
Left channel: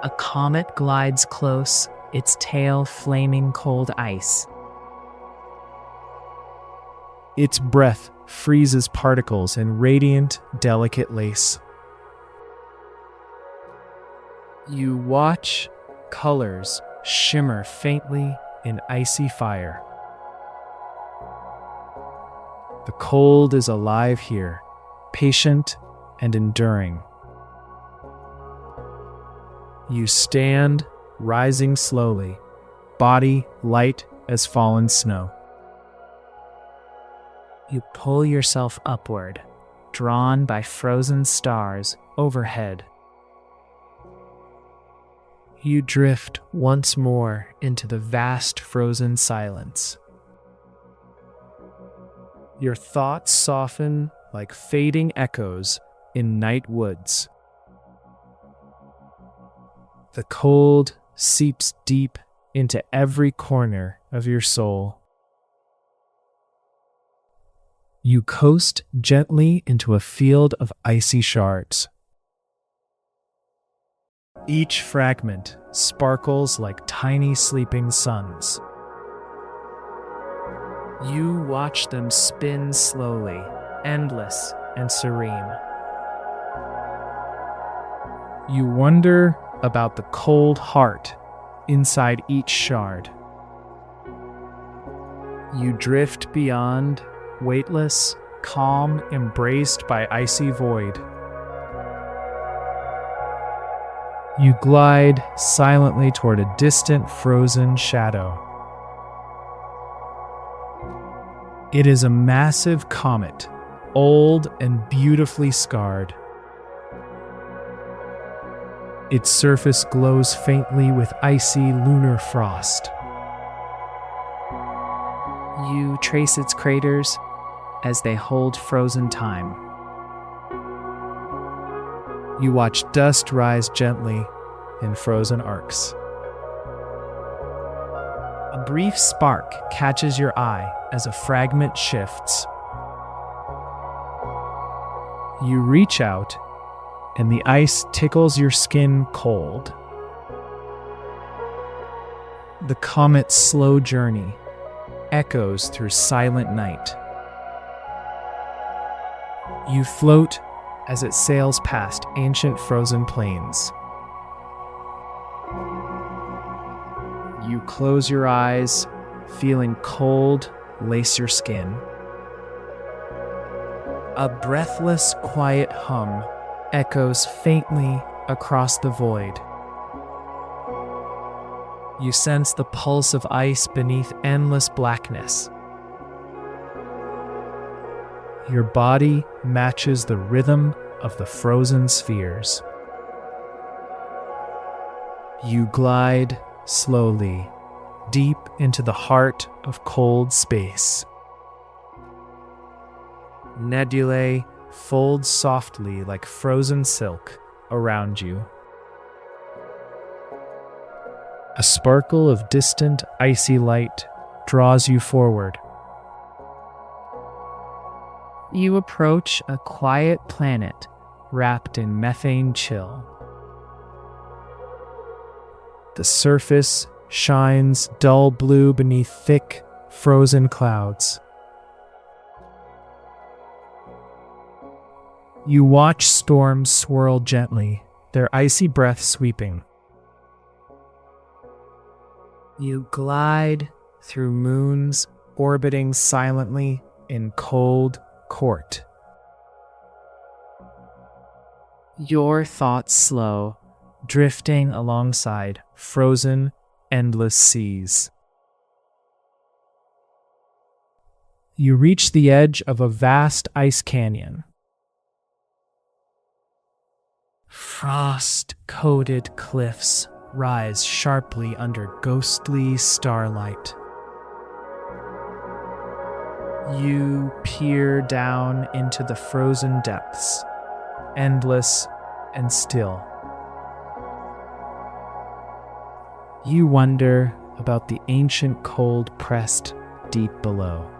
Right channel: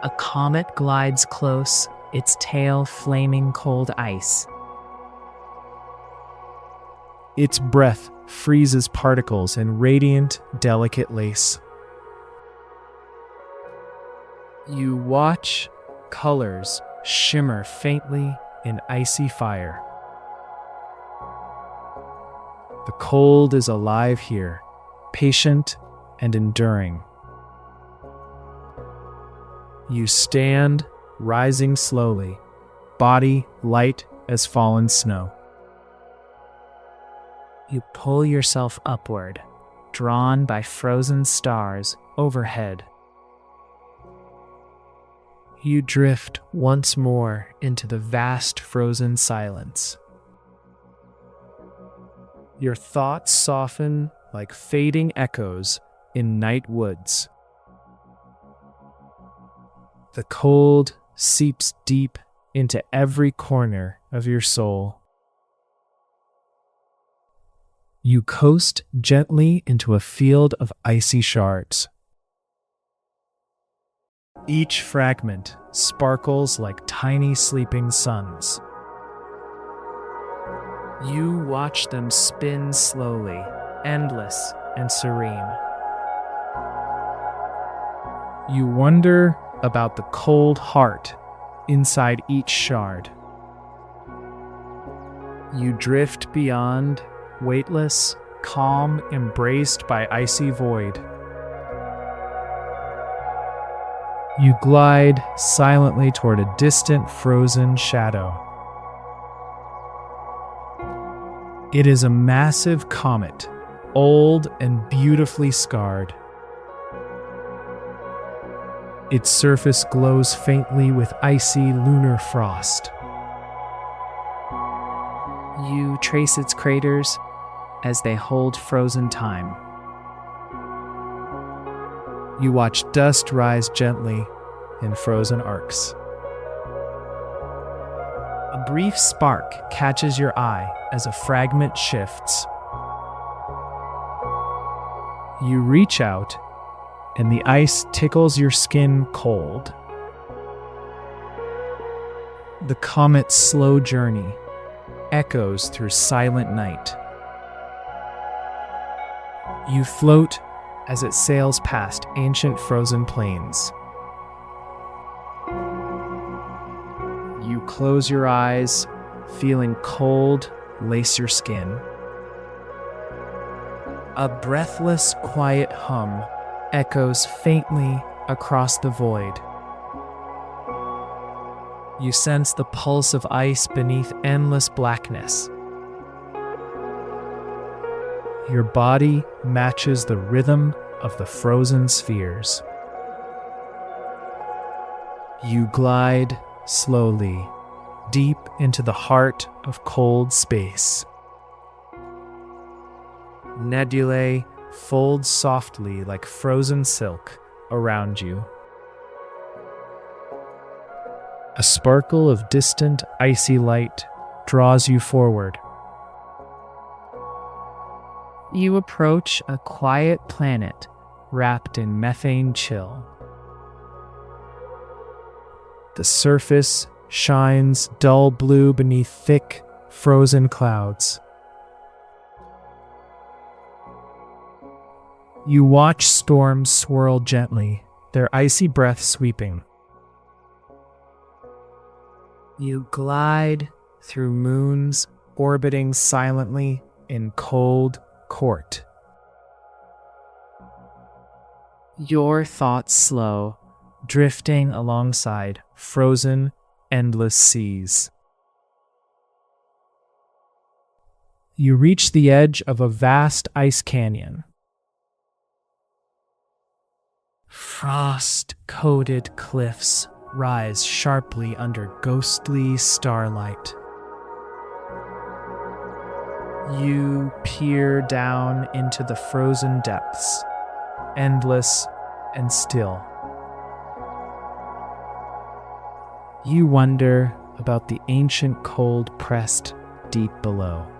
A comet glides close, its tail flaming cold ice. Its breath freezes particles in radiant, delicate lace. You watch colors shimmer faintly in icy fire. The cold is alive here, patient and enduring. You stand, rising slowly, body light as fallen snow. You pull yourself upward, drawn by frozen stars overhead. You drift once more into the vast frozen silence. Your thoughts soften like fading echoes in night woods. The cold seeps deep into every corner of your soul. You coast gently into a field of icy shards. Each fragment sparkles like tiny sleeping suns. You watch them spin slowly, endless and serene. You wonder about the cold heart inside each shard. You drift beyond, weightless, calm, embraced by icy void. You glide silently toward a distant frozen shadow. It is a massive comet, old and beautifully scarred. Its surface glows faintly with icy lunar frost. You trace its craters as they hold frozen time. You watch dust rise gently in frozen arcs. A brief spark catches your eye as a fragment shifts. You reach out, and the ice tickles your skin cold. The comet's slow journey echoes through silent night. You float as it sails past ancient frozen plains. You close your eyes, feeling cold lace your skin. A breathless, quiet hum echoes faintly across the void. You sense the pulse of ice beneath endless blackness. Your body matches the rhythm of the frozen spheres. You glide slowly, deep into the heart of cold space. Nebulae fold softly like frozen silk around you. A sparkle of distant icy light draws you forward. You approach a quiet planet wrapped in methane chill. The surface shines dull blue beneath thick, frozen clouds. You watch storms swirl gently, their icy breath sweeping. You glide through moons, orbiting silently in cold court. Your thoughts slow, drifting alongside frozen, endless seas. You reach the edge of a vast ice canyon. Frost-coated cliffs rise sharply under ghostly starlight. You peer down into the frozen depths, endless and still. You wonder about the ancient cold pressed deep below.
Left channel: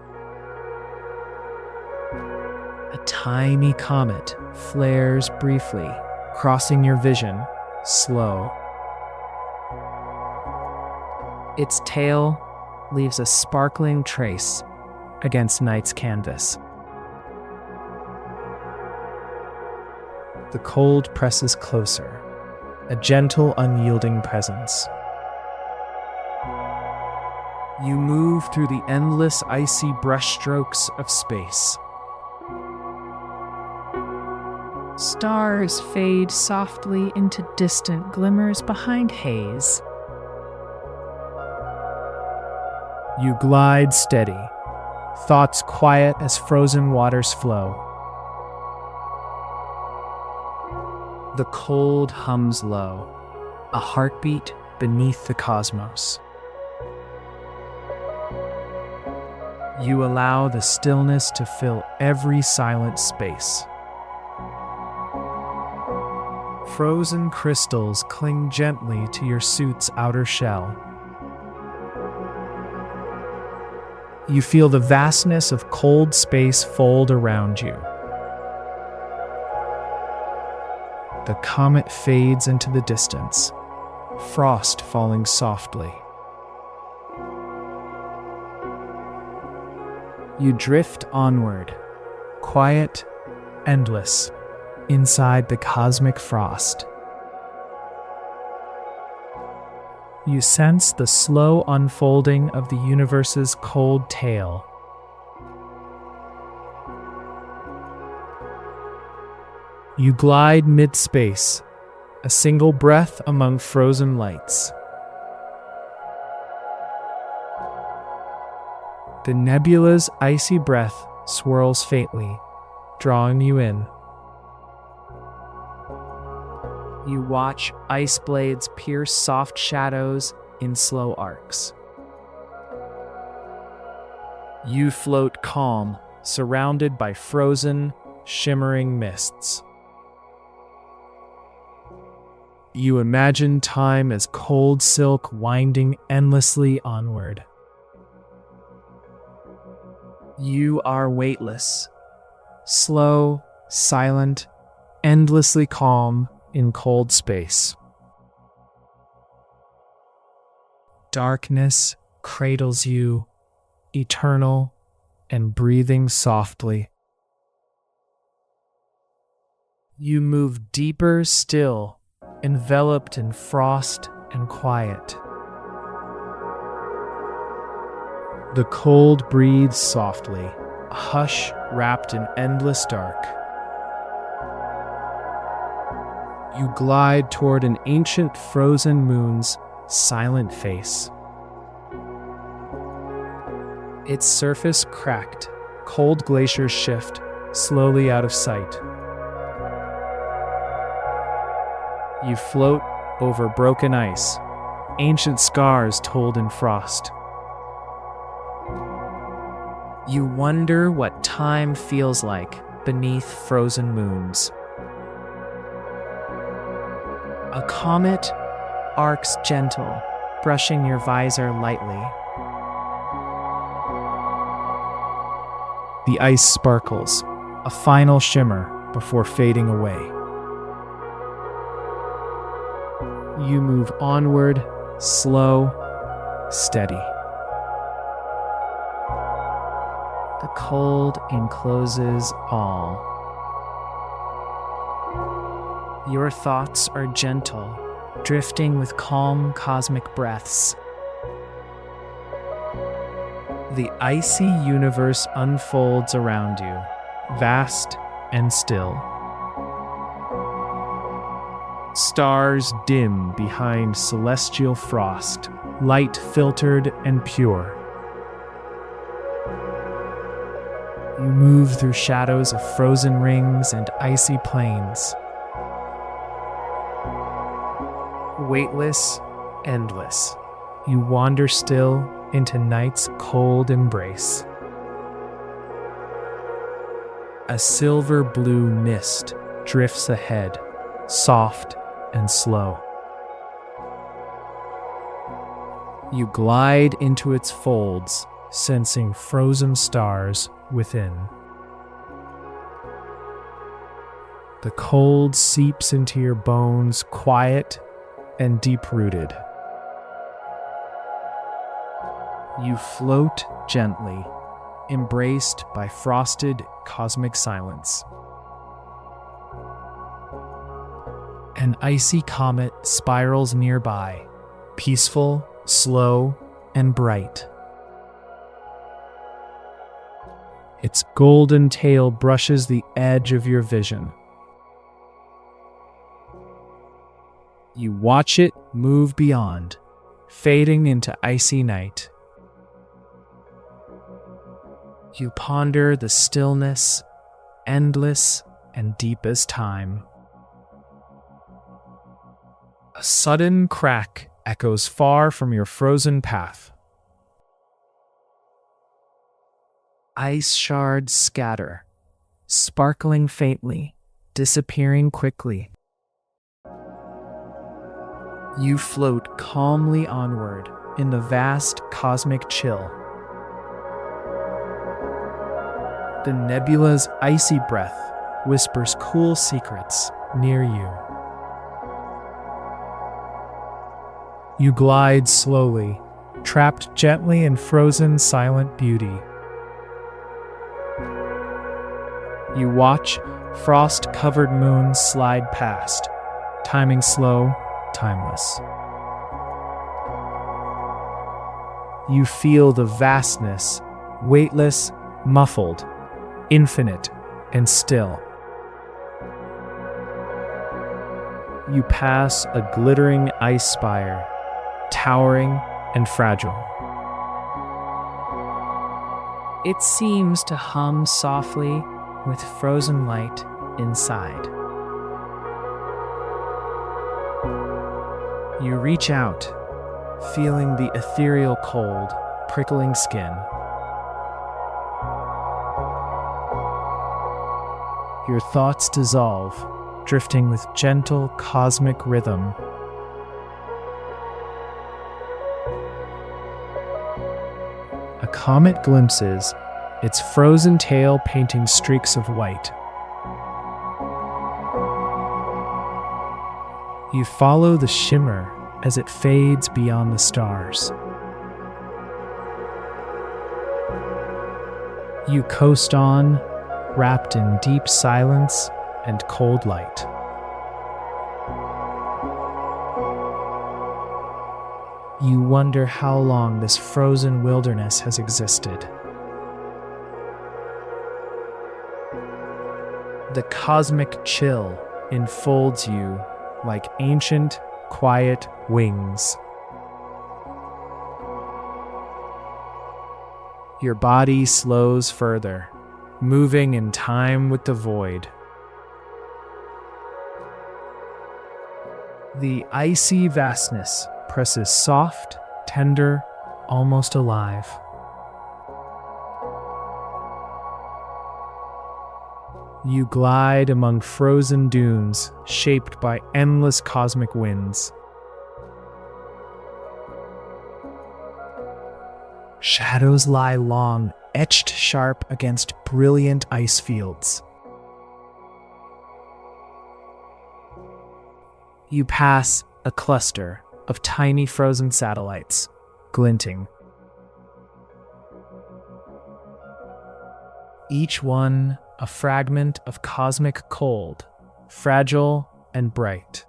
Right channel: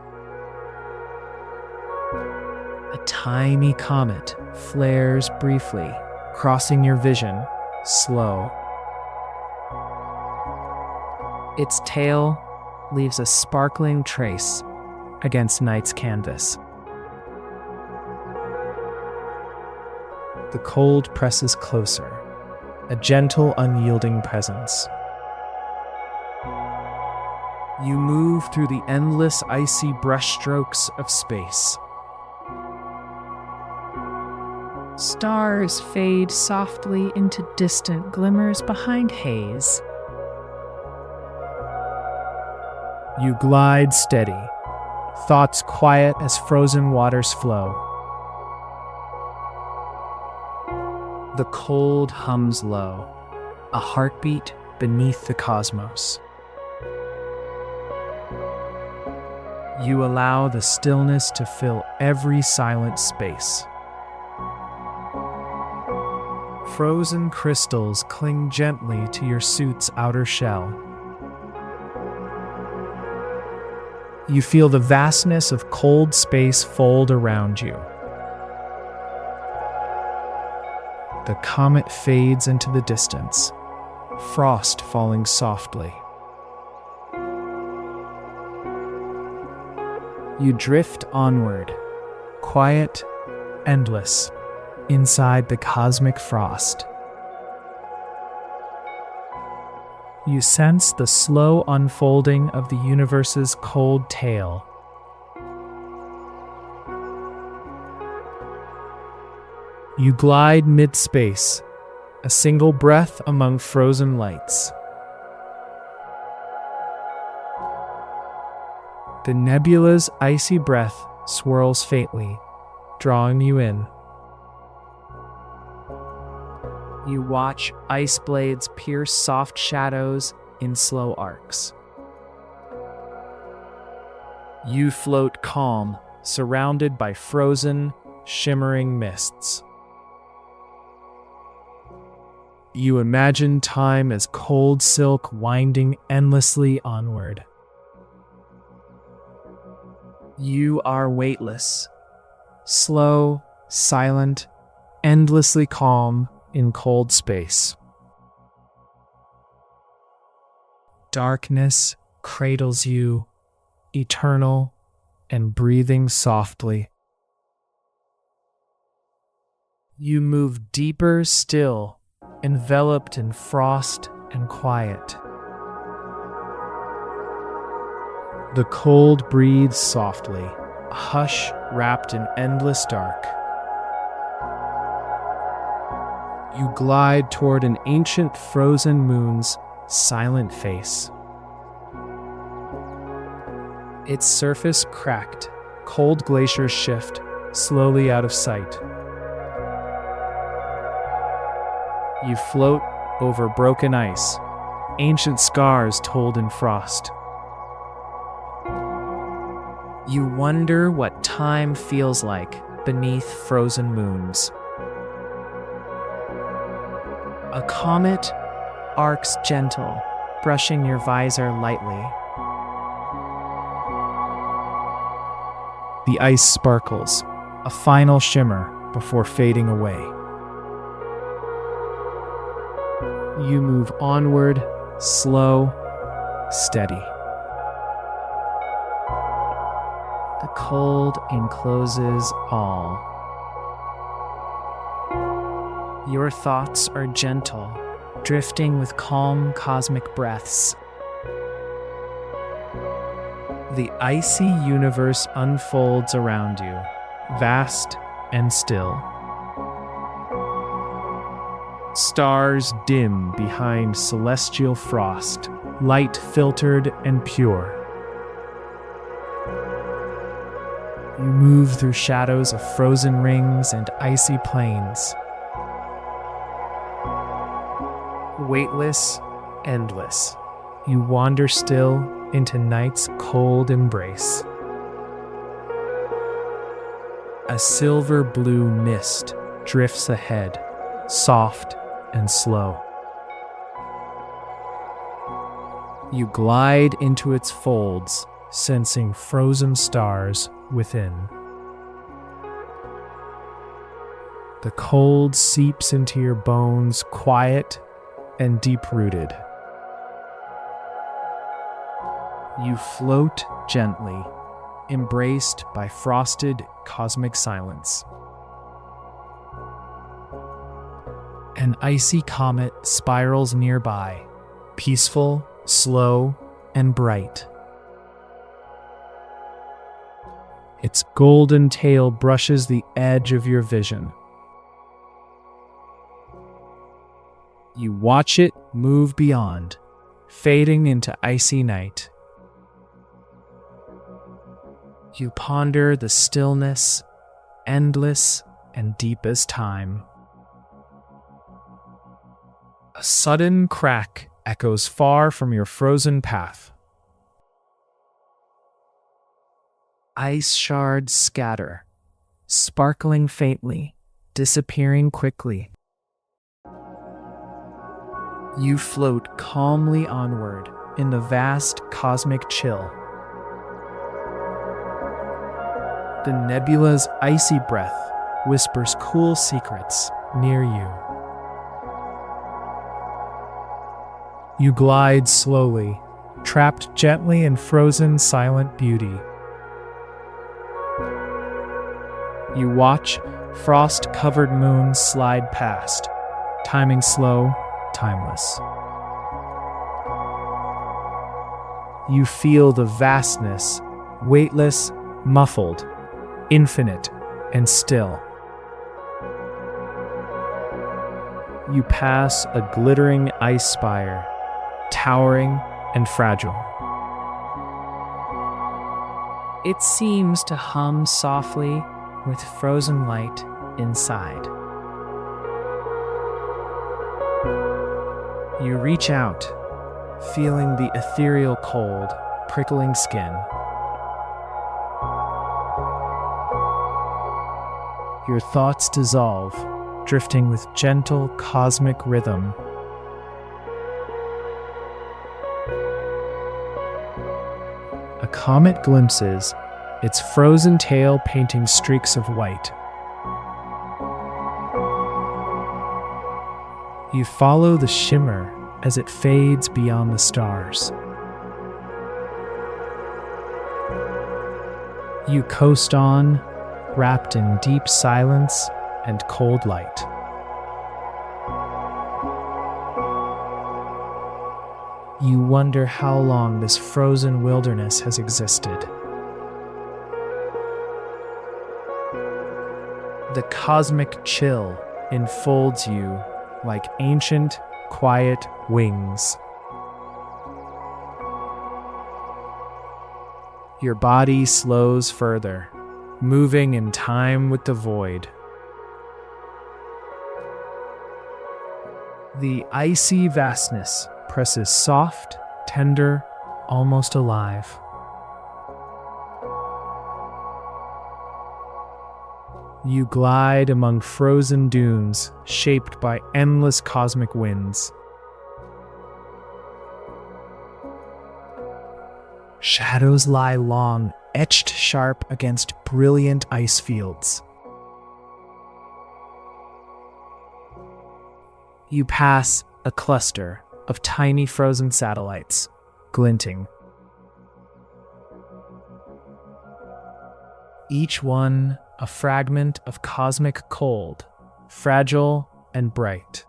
A tiny comet flares briefly, crossing your vision, slow. Its tail leaves a sparkling trace against night's canvas. The cold presses closer, a gentle, unyielding presence. You move through the endless icy brushstrokes of space. Stars fade softly into distant glimmers behind haze. You glide steady, thoughts quiet as frozen waters flow. The cold hums low, a heartbeat beneath the cosmos. You allow the stillness to fill every silent space. Frozen crystals cling gently to your suit's outer shell. You feel the vastness of cold space fold around you. The comet fades into the distance, frost falling softly. You drift onward, quiet, endless, inside the cosmic frost. You sense the slow unfolding of the universe's cold tale. You glide mid-space, a single breath among frozen lights. The nebula's icy breath swirls faintly, drawing you in. You watch ice blades pierce soft shadows in slow arcs. You float calm, surrounded by frozen, shimmering mists. You imagine time as cold silk winding endlessly onward. You are weightless, slow, silent, endlessly calm in cold space. Darkness cradles you, eternal and breathing softly. You move deeper still, enveloped in frost and quiet. The cold breathes softly, a hush wrapped in endless dark. You glide toward an ancient frozen moon's silent face. Its surface cracked, cold glaciers shift slowly out of sight. You float over broken ice, ancient scars told in frost. You wonder what time feels like beneath frozen moons. A comet arcs gentle, brushing your visor lightly. The ice sparkles, a final shimmer before fading away. You move onward, slow, steady. The cold encloses all. Your thoughts are gentle, drifting with calm cosmic breaths. The icy universe unfolds around you, vast and still. Stars dim behind celestial frost, light filtered and pure. You move through shadows of frozen rings and icy plains. Weightless, endless, you wander still into night's cold embrace. A silver blue mist drifts ahead, soft and slow. You glide into its folds, sensing frozen stars within. The cold seeps into your bones, quiet and deep-rooted. You float gently, embraced by frosted cosmic silence. An icy comet spirals nearby, peaceful, slow, and bright. Its golden tail brushes the edge of your vision. You watch it move beyond, fading into icy night. You ponder the stillness, endless and deep as time. A sudden crack echoes far from your frozen path. Ice shards scatter, sparkling faintly, disappearing quickly. You float calmly onward in the vast cosmic chill. The nebula's icy breath whispers cool secrets near you. You glide slowly, trapped gently in frozen, silent beauty. You watch frost-covered moons slide past, timing slow, timeless. You feel the vastness, weightless, muffled, infinite, and still. You pass a glittering ice spire, towering and fragile. It seems to hum softly with frozen light inside. You reach out, feeling the ethereal cold, prickling skin. Your thoughts dissolve, drifting with gentle cosmic rhythm. A comet glimpses, its frozen tail painting streaks of white. You follow the shimmer as it fades beyond the stars. You coast on, wrapped in deep silence and cold light. You wonder how long this frozen wilderness has existed. The cosmic chill enfolds you like ancient, quiet wings. Your body slows further, moving in time with the void. The icy vastness presses soft, tender, almost alive. You glide among frozen dunes shaped by endless cosmic winds. Shadows lie long, etched sharp against brilliant ice fields. You pass a cluster of tiny frozen satellites, glinting. Each one a fragment of cosmic cold, fragile and bright.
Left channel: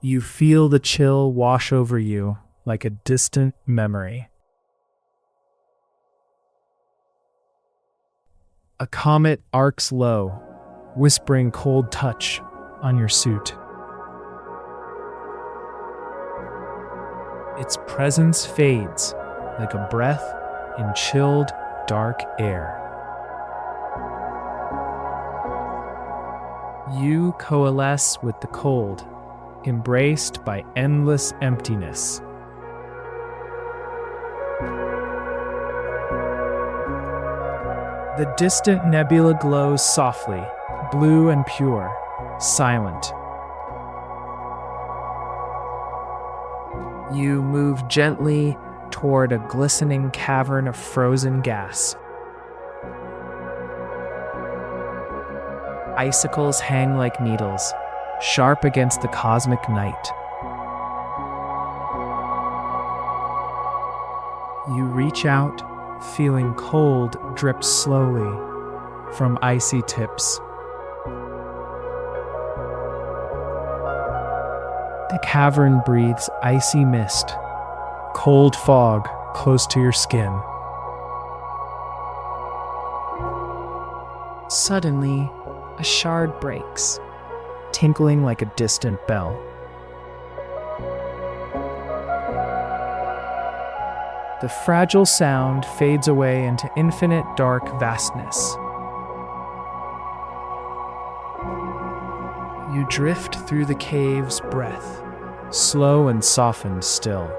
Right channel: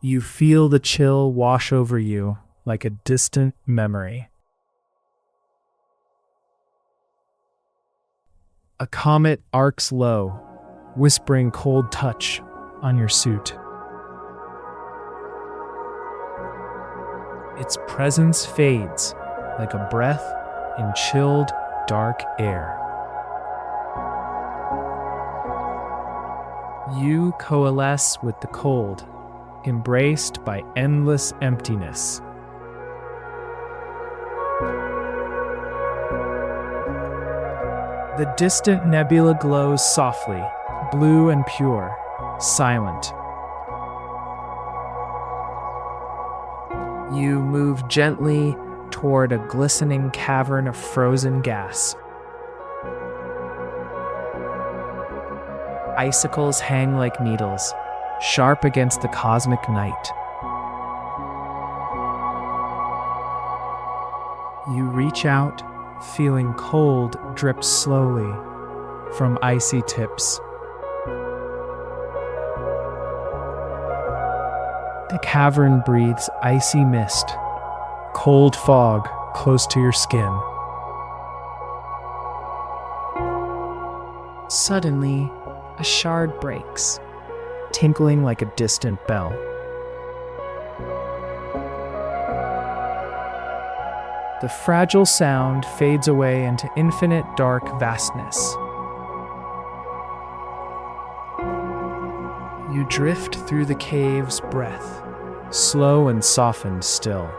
You feel the chill wash over you like a distant memory. A comet arcs low, whispering cold touch on your suit. Its presence fades like a breath in chilled, dark air. You coalesce with the cold, embraced by endless emptiness. The distant nebula glows softly, blue and pure, silent. You move gently toward a glistening cavern of frozen gas. Icicles hang like needles, sharp against the cosmic night. You reach out, feeling cold drip slowly from icy tips. The cavern breathes icy mist, cold fog close to your skin. Suddenly, a shard breaks, tinkling like a distant bell. The fragile sound fades away into infinite dark vastness. You drift through the cave's breath, slow and softened still.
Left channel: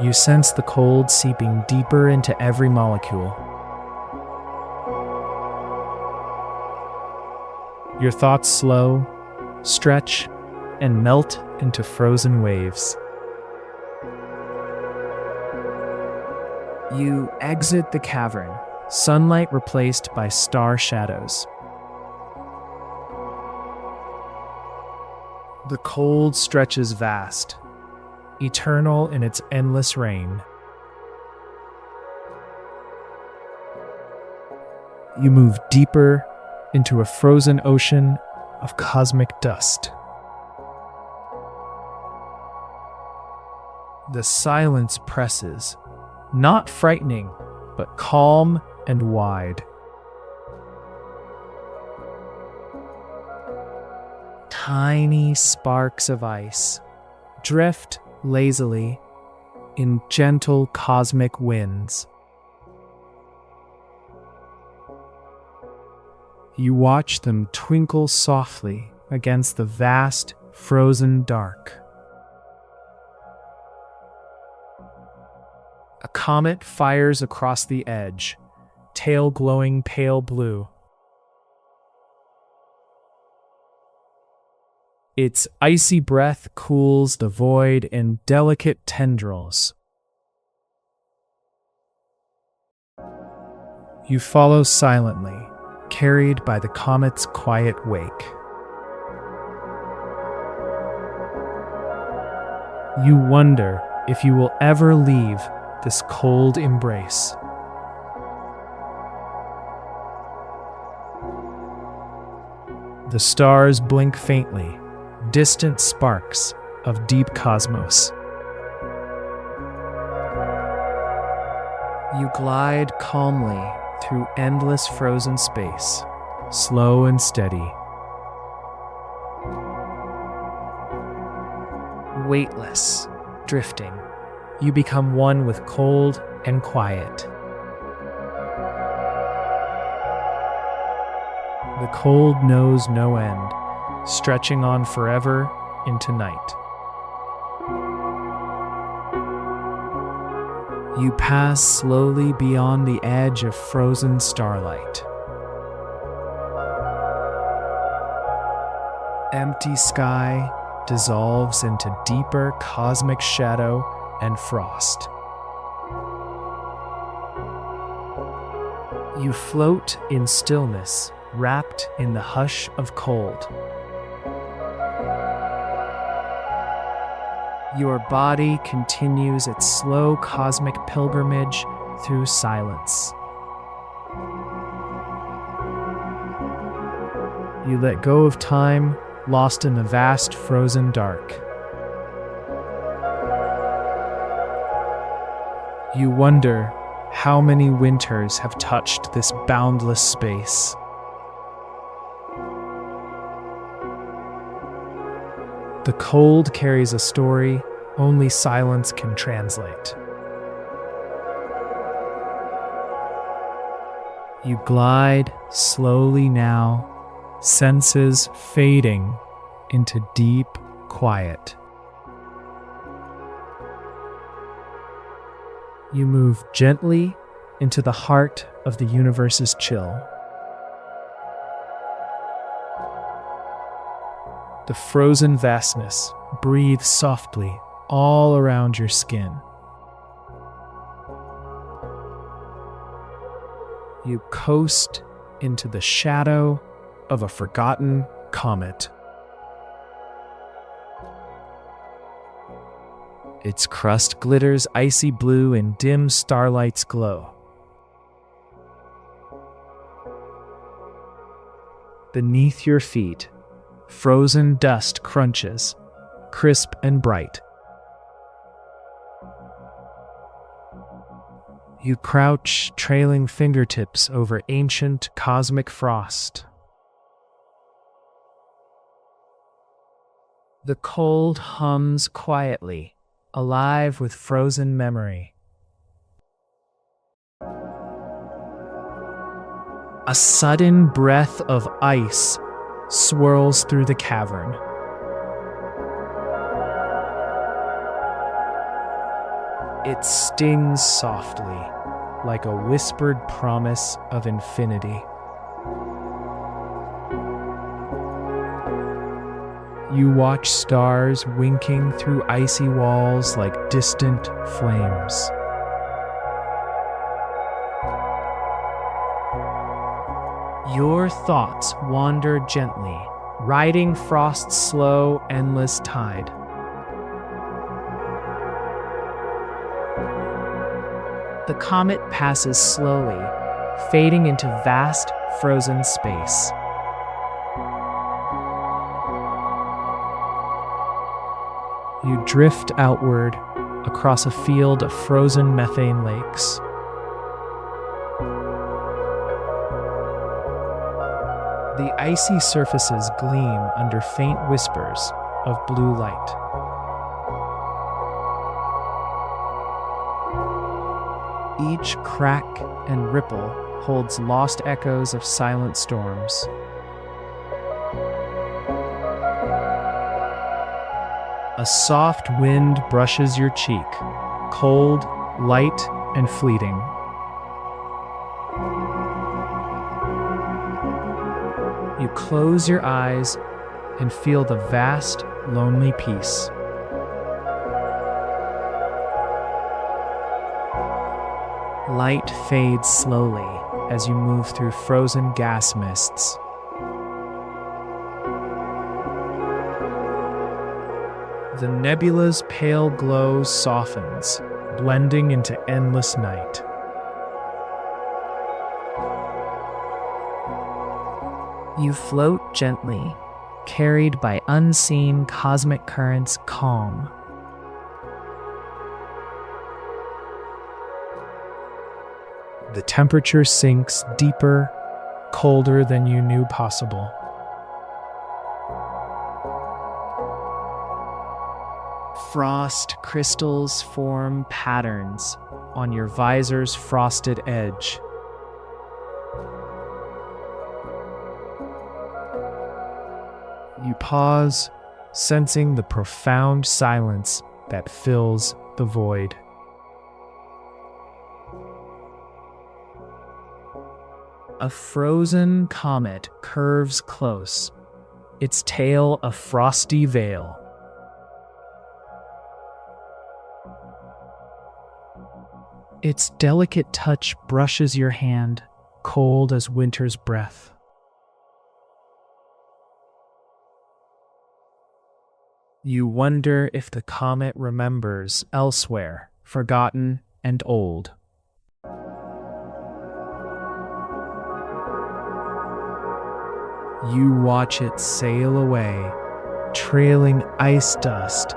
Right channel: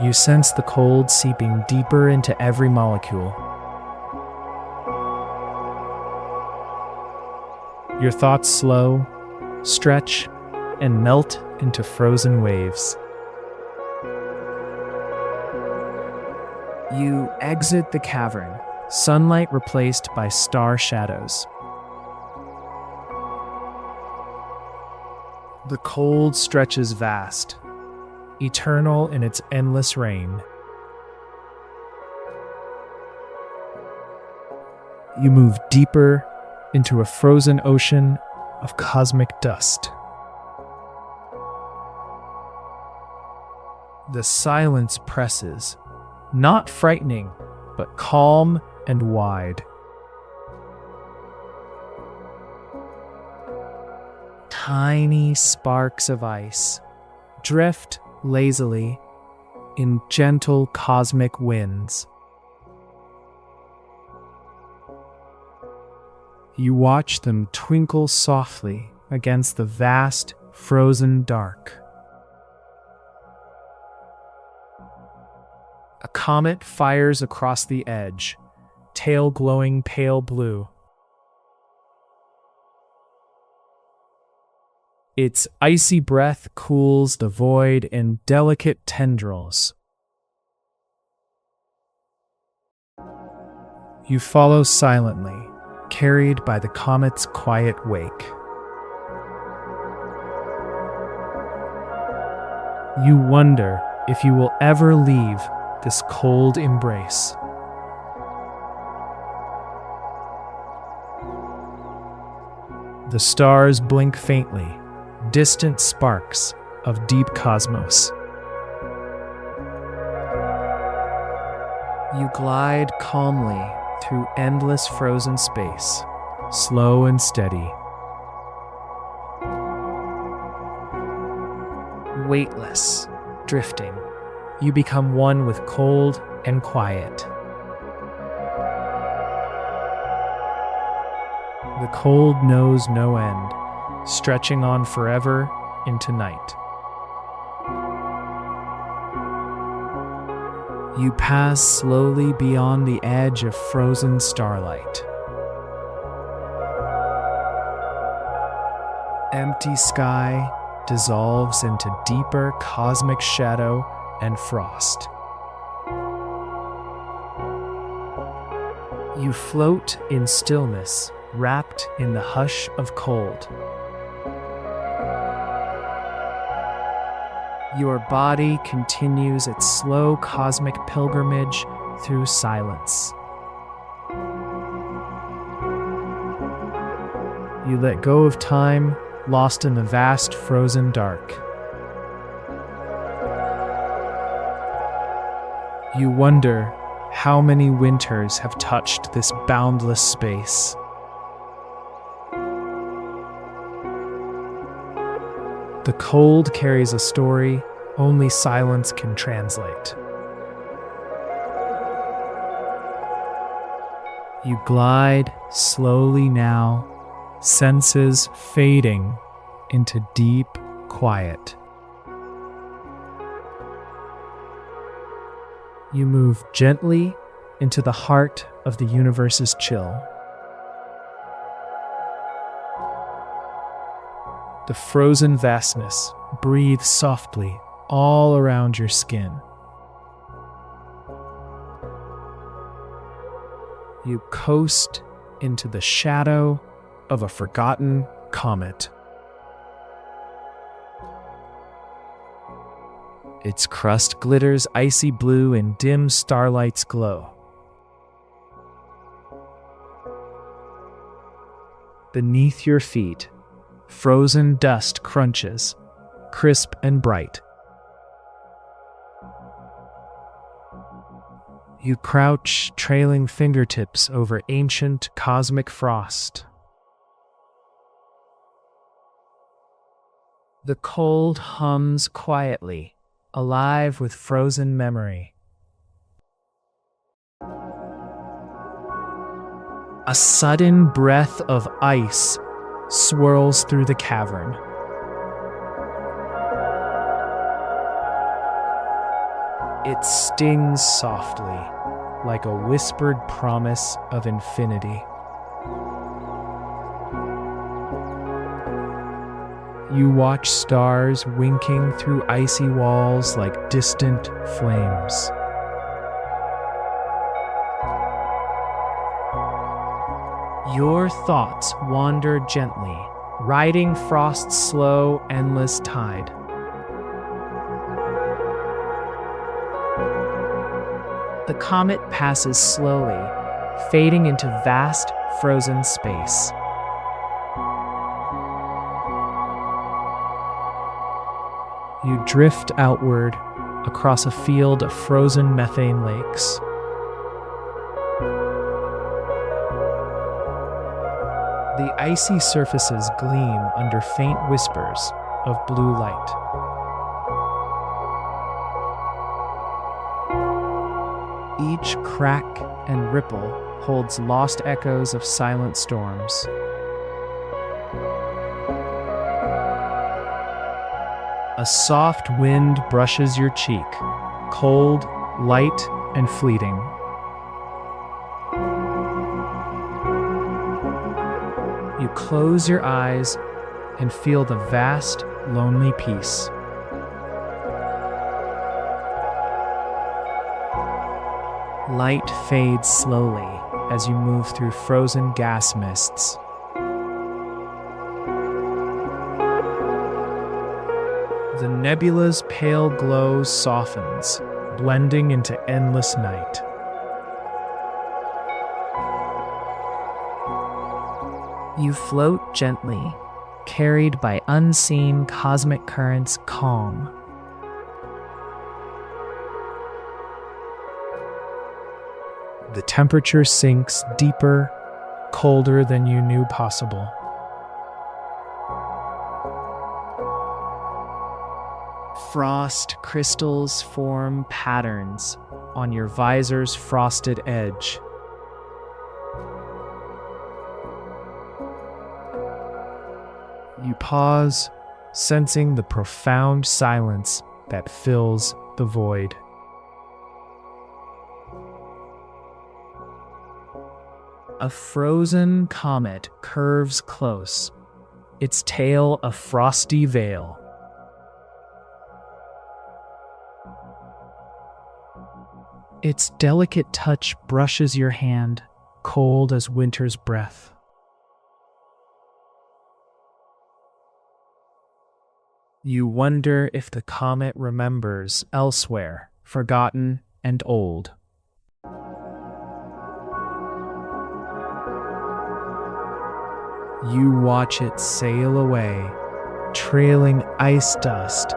You sense the cold seeping deeper into every molecule. Your thoughts slow, stretch, and melt into frozen waves. You exit the cavern, sunlight replaced by star shadows. The cold stretches vast, eternal in its endless reign. You move deeper into a frozen ocean of cosmic dust. The silence presses, not frightening, but calm and wide. Tiny sparks of ice drift lazily in gentle cosmic winds. You watch them twinkle softly against the vast, frozen dark. A comet fires across the edge, tail glowing pale blue. Its icy breath cools the void in delicate tendrils. You follow silently, carried by the comet's quiet wake. You wonder if you will ever leave this cold embrace. The stars blink faintly, distant sparks of deep cosmos. You glide calmly through endless frozen space, slow and steady. Weightless, drifting, you become one with cold and quiet. The cold knows no end, stretching on forever into night. You pass slowly beyond the edge of frozen starlight. Empty sky dissolves into deeper cosmic shadow and frost. You float in stillness, wrapped in the hush of cold. Your body continues its slow cosmic pilgrimage through silence. You let go of time, lost in the vast frozen dark. You wonder how many winters have touched this boundless space. The cold carries a story only silence can translate. You glide slowly now, senses fading into deep quiet. You move gently into the heart of the universe's chill. The frozen vastness breathes softly all around your skin. You coast into the shadow of a forgotten comet. Its crust glitters icy blue in dim starlight's glow. Beneath your feet, frozen dust crunches, crisp and bright. You crouch, trailing fingertips over ancient cosmic frost. The cold hums quietly, alive with frozen memory. A sudden breath of ice swirls through the cavern. It stings softly, like a whispered promise of infinity. You watch stars winking through icy walls like distant flames. Your thoughts wander gently, riding frost's slow, endless tide. The comet passes slowly, fading into vast, frozen space. You drift outward across a field of frozen methane lakes. The icy surfaces gleam under faint whispers of blue light. Each crack and ripple holds lost echoes of silent storms. A soft wind brushes your cheek, cold, light, and fleeting. You close your eyes and feel the vast, lonely peace. Light fades slowly as you move through frozen gas mists. The nebula's pale glow softens, blending into endless night. You float gently, carried by unseen cosmic currents calm. The temperature sinks deeper, colder than you knew possible. Frost crystals form patterns on your visor's frosted edge. You pause, sensing the profound silence that fills the void. A frozen comet curves close, its tail a frosty veil. Its delicate touch brushes your hand, cold as winter's breath. You wonder if the comet remembers elsewhere, forgotten and old. You watch it sail away, trailing ice dust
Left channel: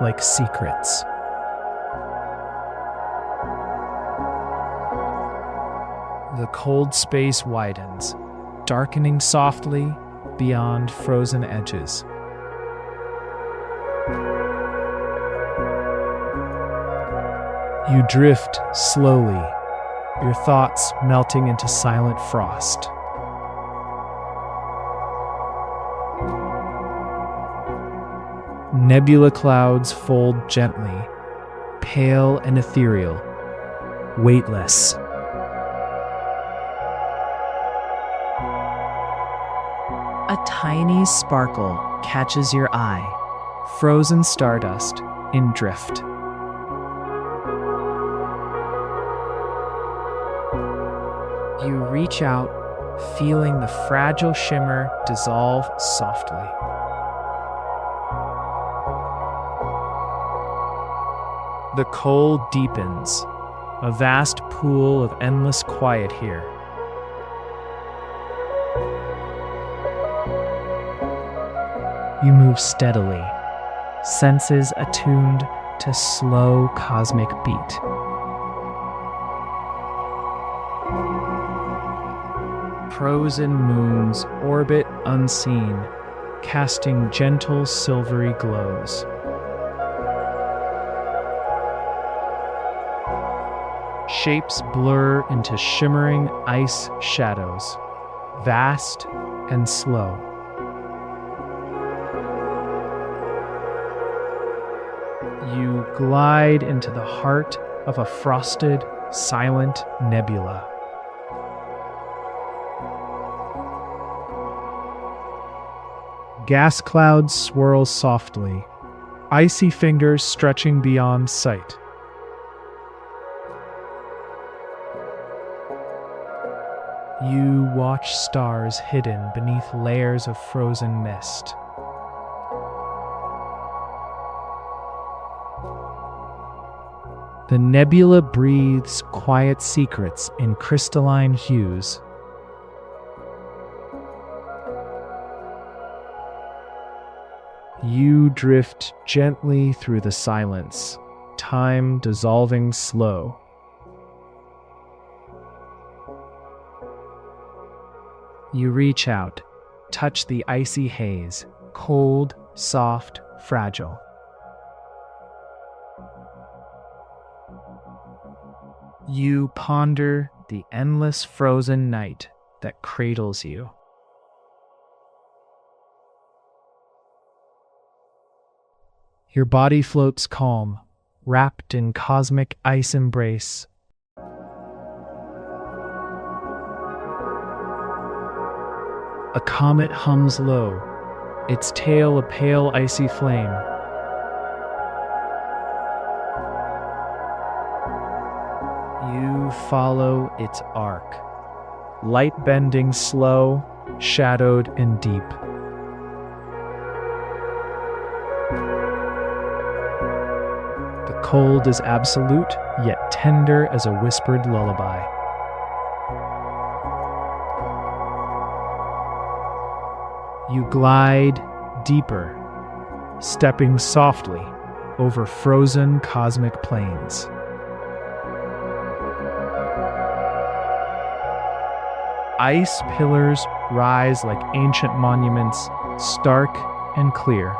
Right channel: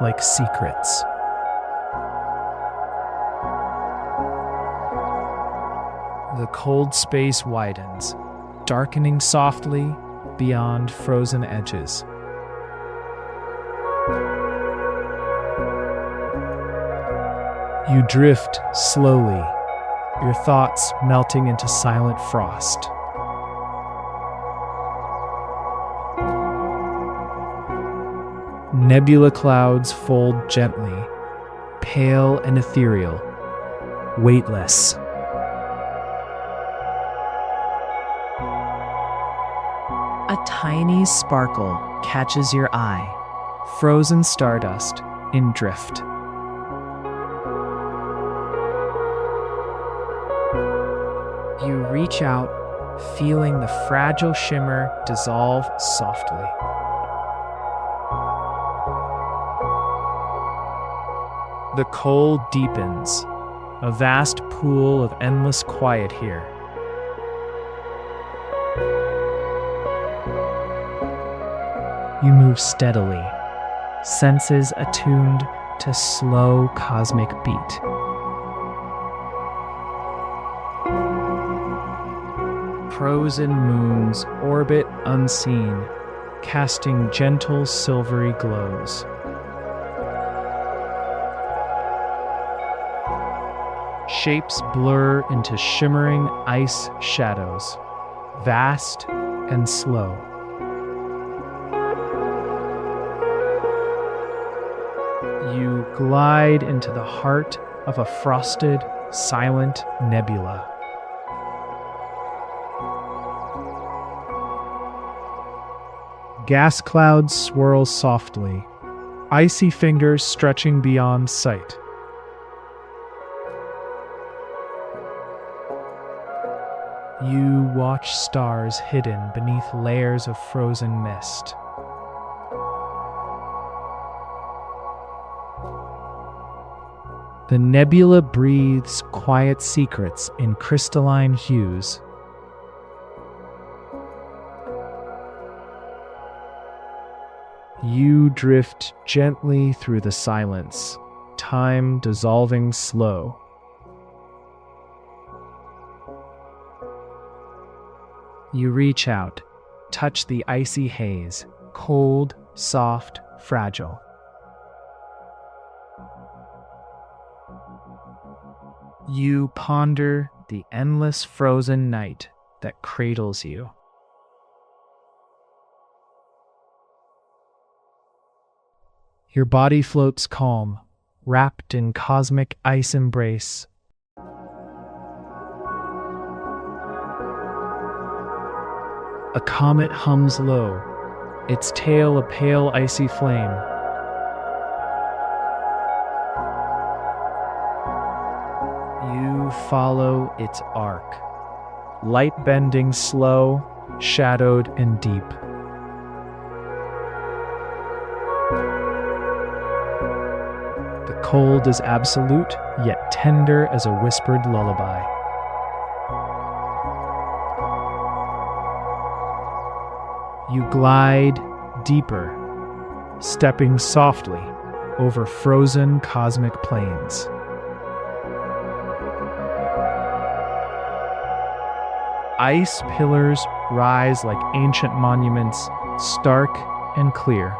like secrets. The cold space widens, darkening softly beyond frozen edges. You drift slowly, your thoughts melting into silent frost. Nebula clouds fold gently, pale and ethereal, weightless. A tiny sparkle catches your eye, frozen stardust in drift. You reach out, feeling the fragile shimmer dissolve softly. The cold deepens, a vast pool of endless quiet here. You move steadily, senses attuned to slow cosmic beat. Frozen moons orbit unseen, casting gentle silvery glows. Shapes blur into shimmering ice shadows, vast and slow. You glide into the heart of a frosted, silent nebula. Gas clouds swirl softly, icy fingers stretching beyond sight. You watch stars hidden beneath layers of frozen mist. The nebula breathes quiet secrets in crystalline hues. You drift gently through the silence, time dissolving slow. You reach out, touch the icy haze, cold, soft, fragile. You ponder the endless frozen night that cradles you. Your body floats calm, wrapped in cosmic ice embrace. A comet hums low, its tail a pale icy flame. You follow its arc, light bending slow, shadowed and deep. The cold is absolute, yet tender as a whispered lullaby. You glide deeper, stepping softly over frozen cosmic plains. Ice pillars rise like ancient monuments, stark and clear.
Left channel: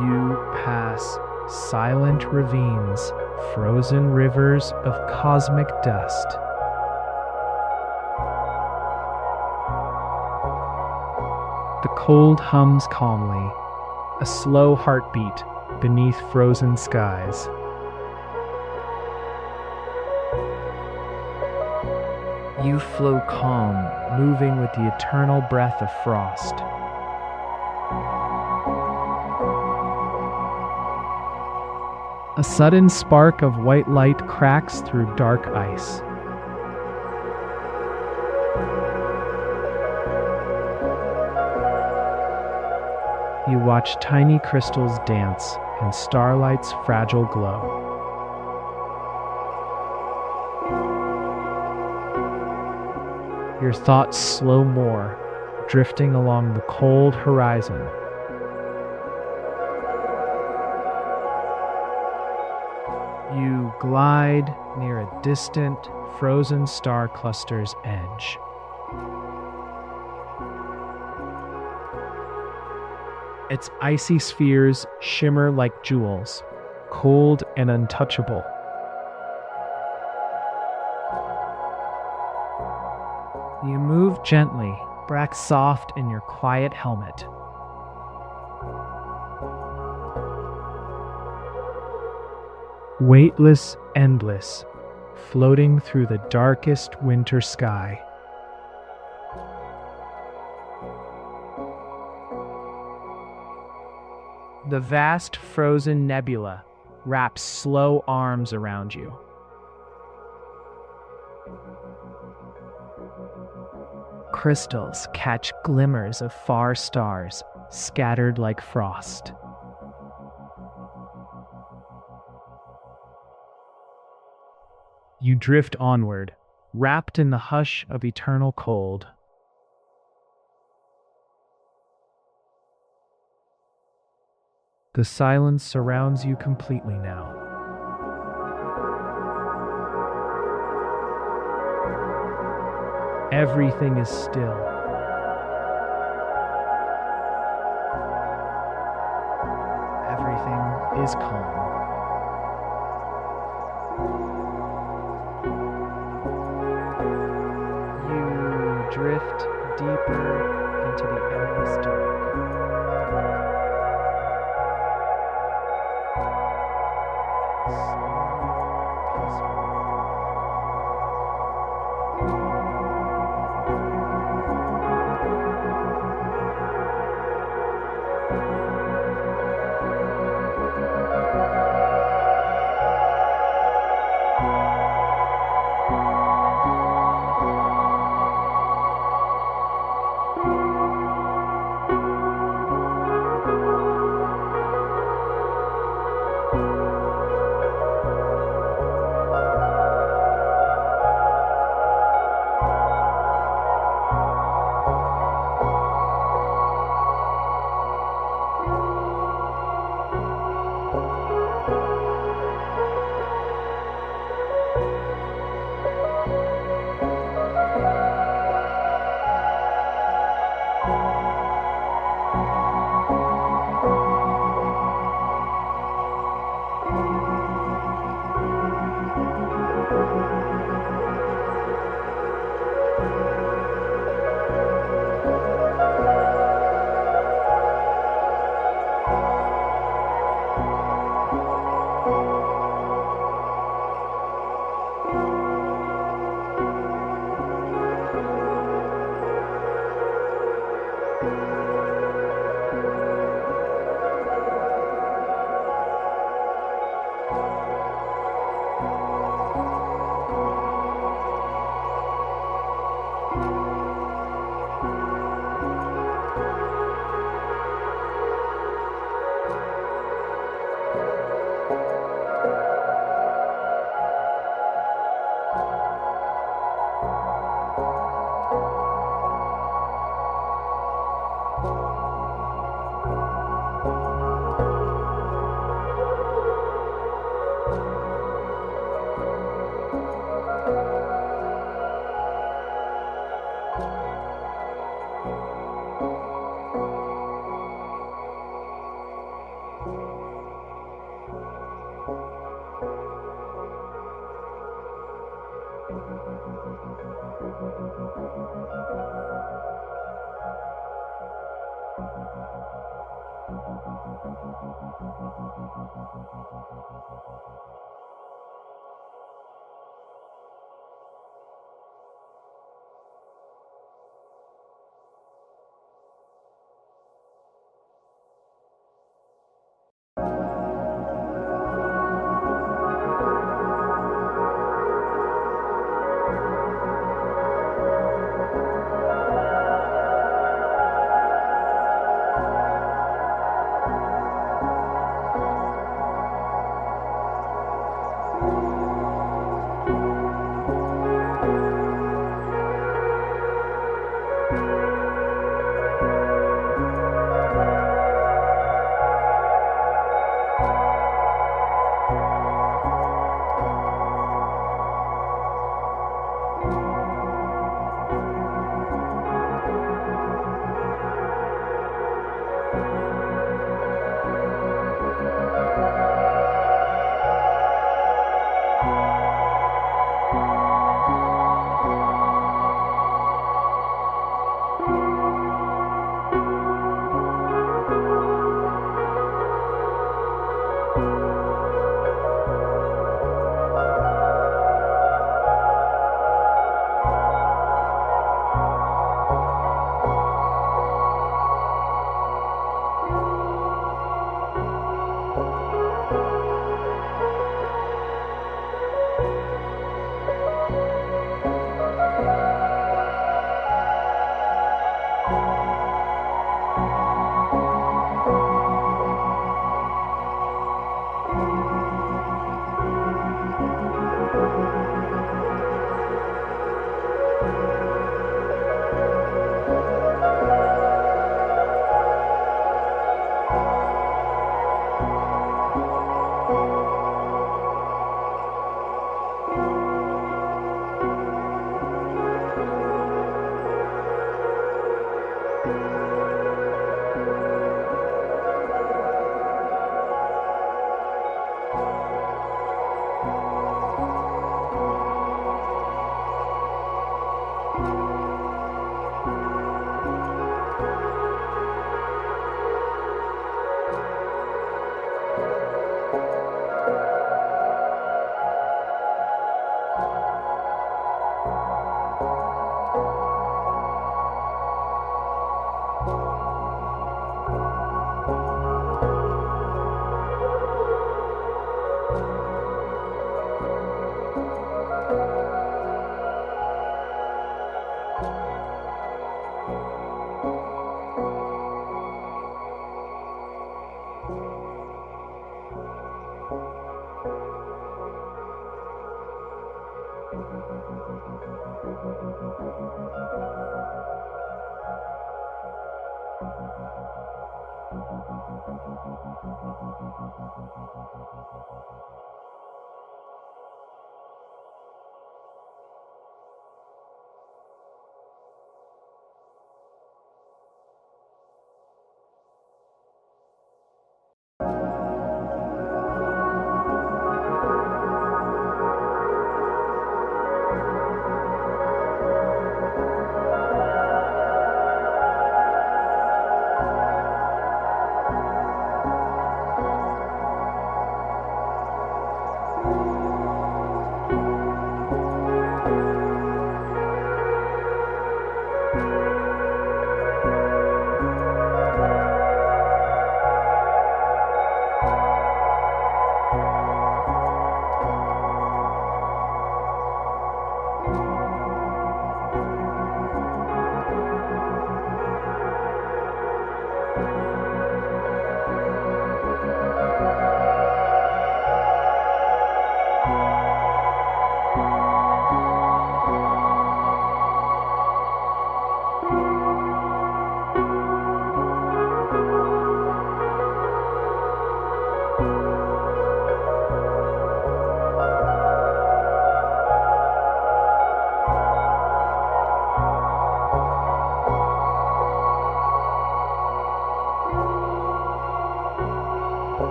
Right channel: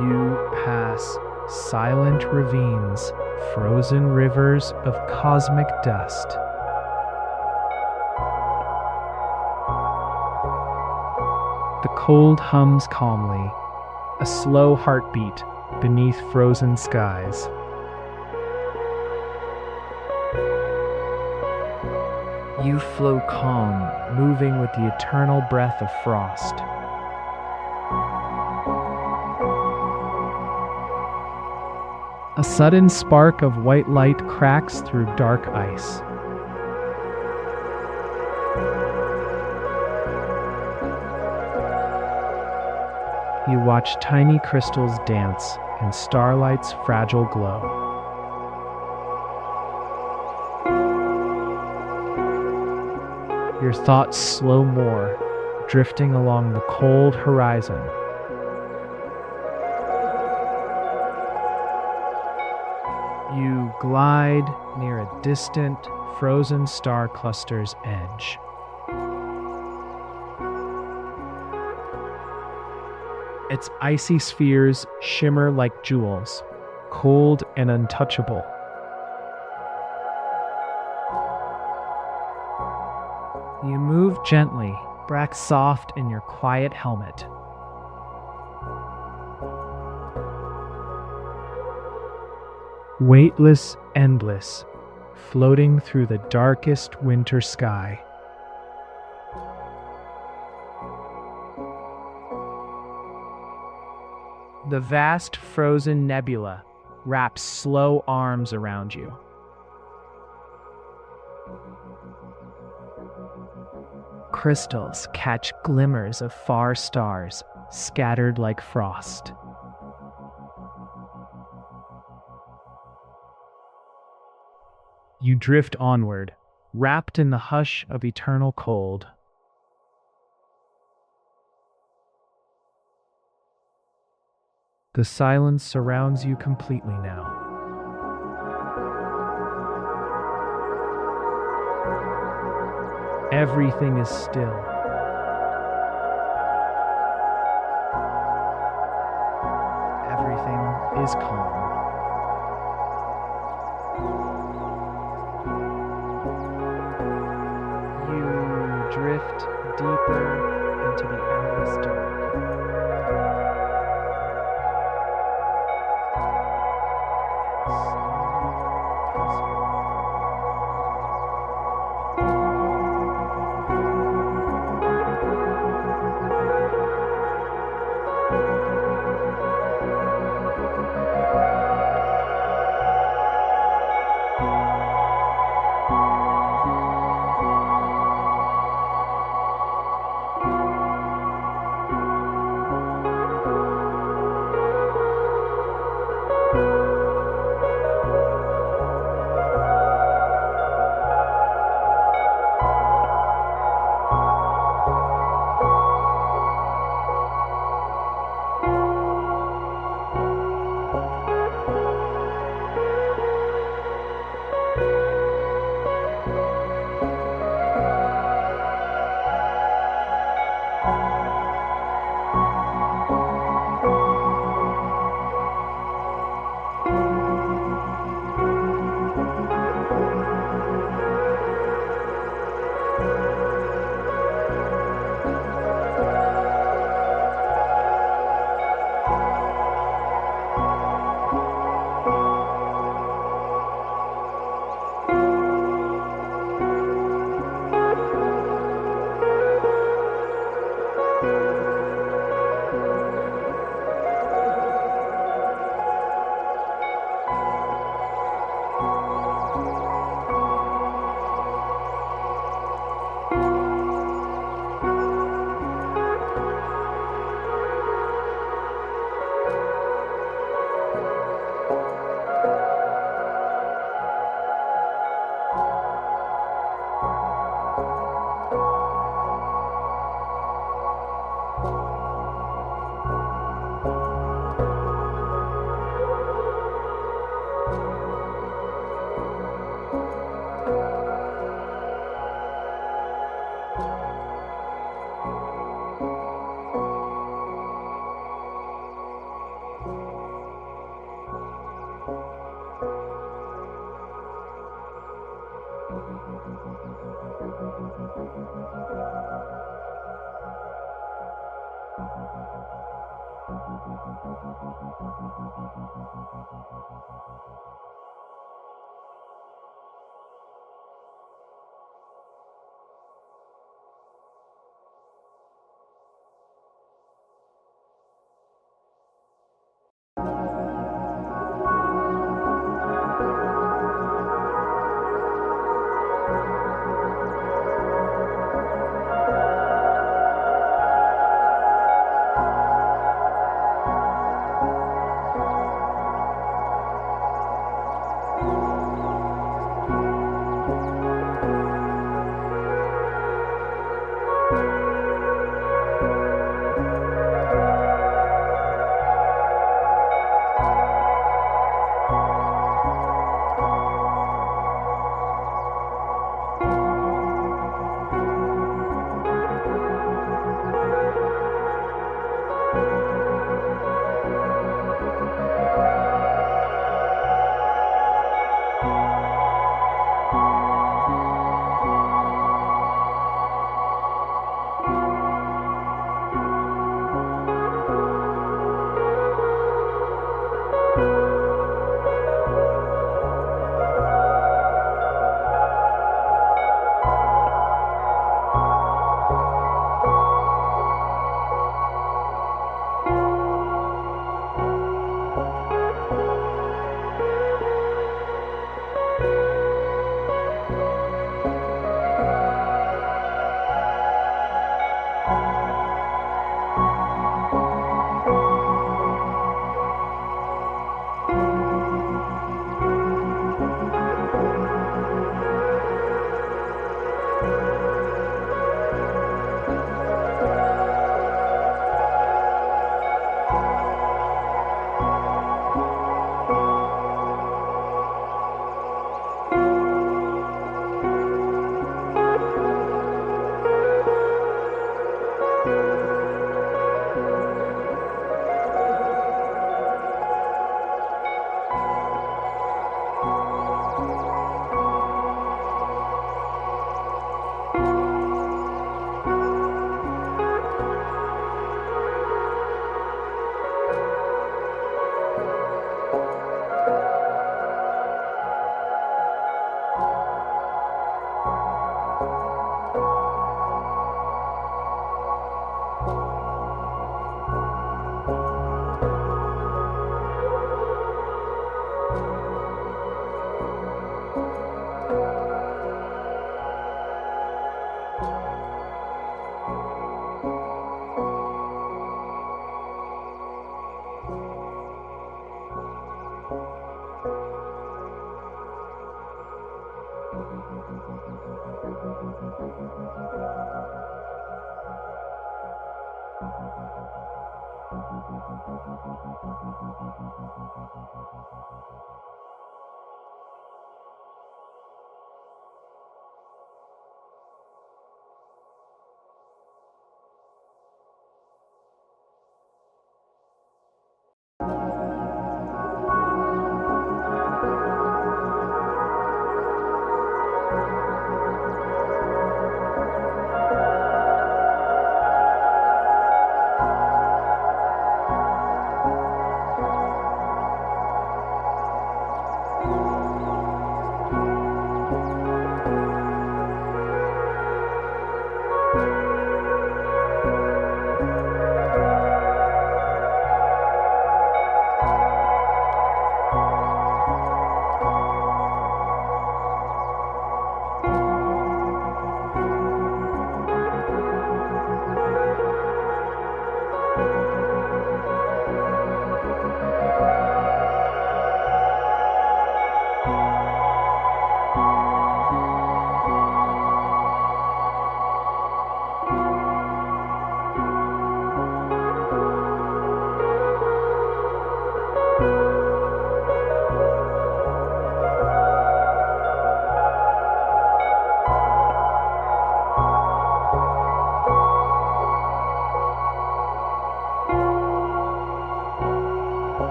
You pass silent ravines, frozen rivers of cosmic dust. The cold hums calmly, a slow heartbeat beneath frozen skies. You flow calm, moving with the eternal breath of frost. A sudden spark of white light cracks through dark ice. You watch tiny crystals dance in starlight's fragile glow. Your thoughts slow more, drifting along the cold horizon. You glide near a distant, frozen star cluster's edge. Its icy spheres shimmer like jewels, cold and untouchable. You move gently, back soft in your quiet helmet. Weightless, endless, floating through the darkest winter sky. The vast frozen nebula wraps slow arms around you. Crystals catch glimmers of far stars, scattered like frost. You drift onward, wrapped in the hush of eternal cold. The silence surrounds you completely now. Everything is still. Everything is calm. You drift deeper into the endless dark.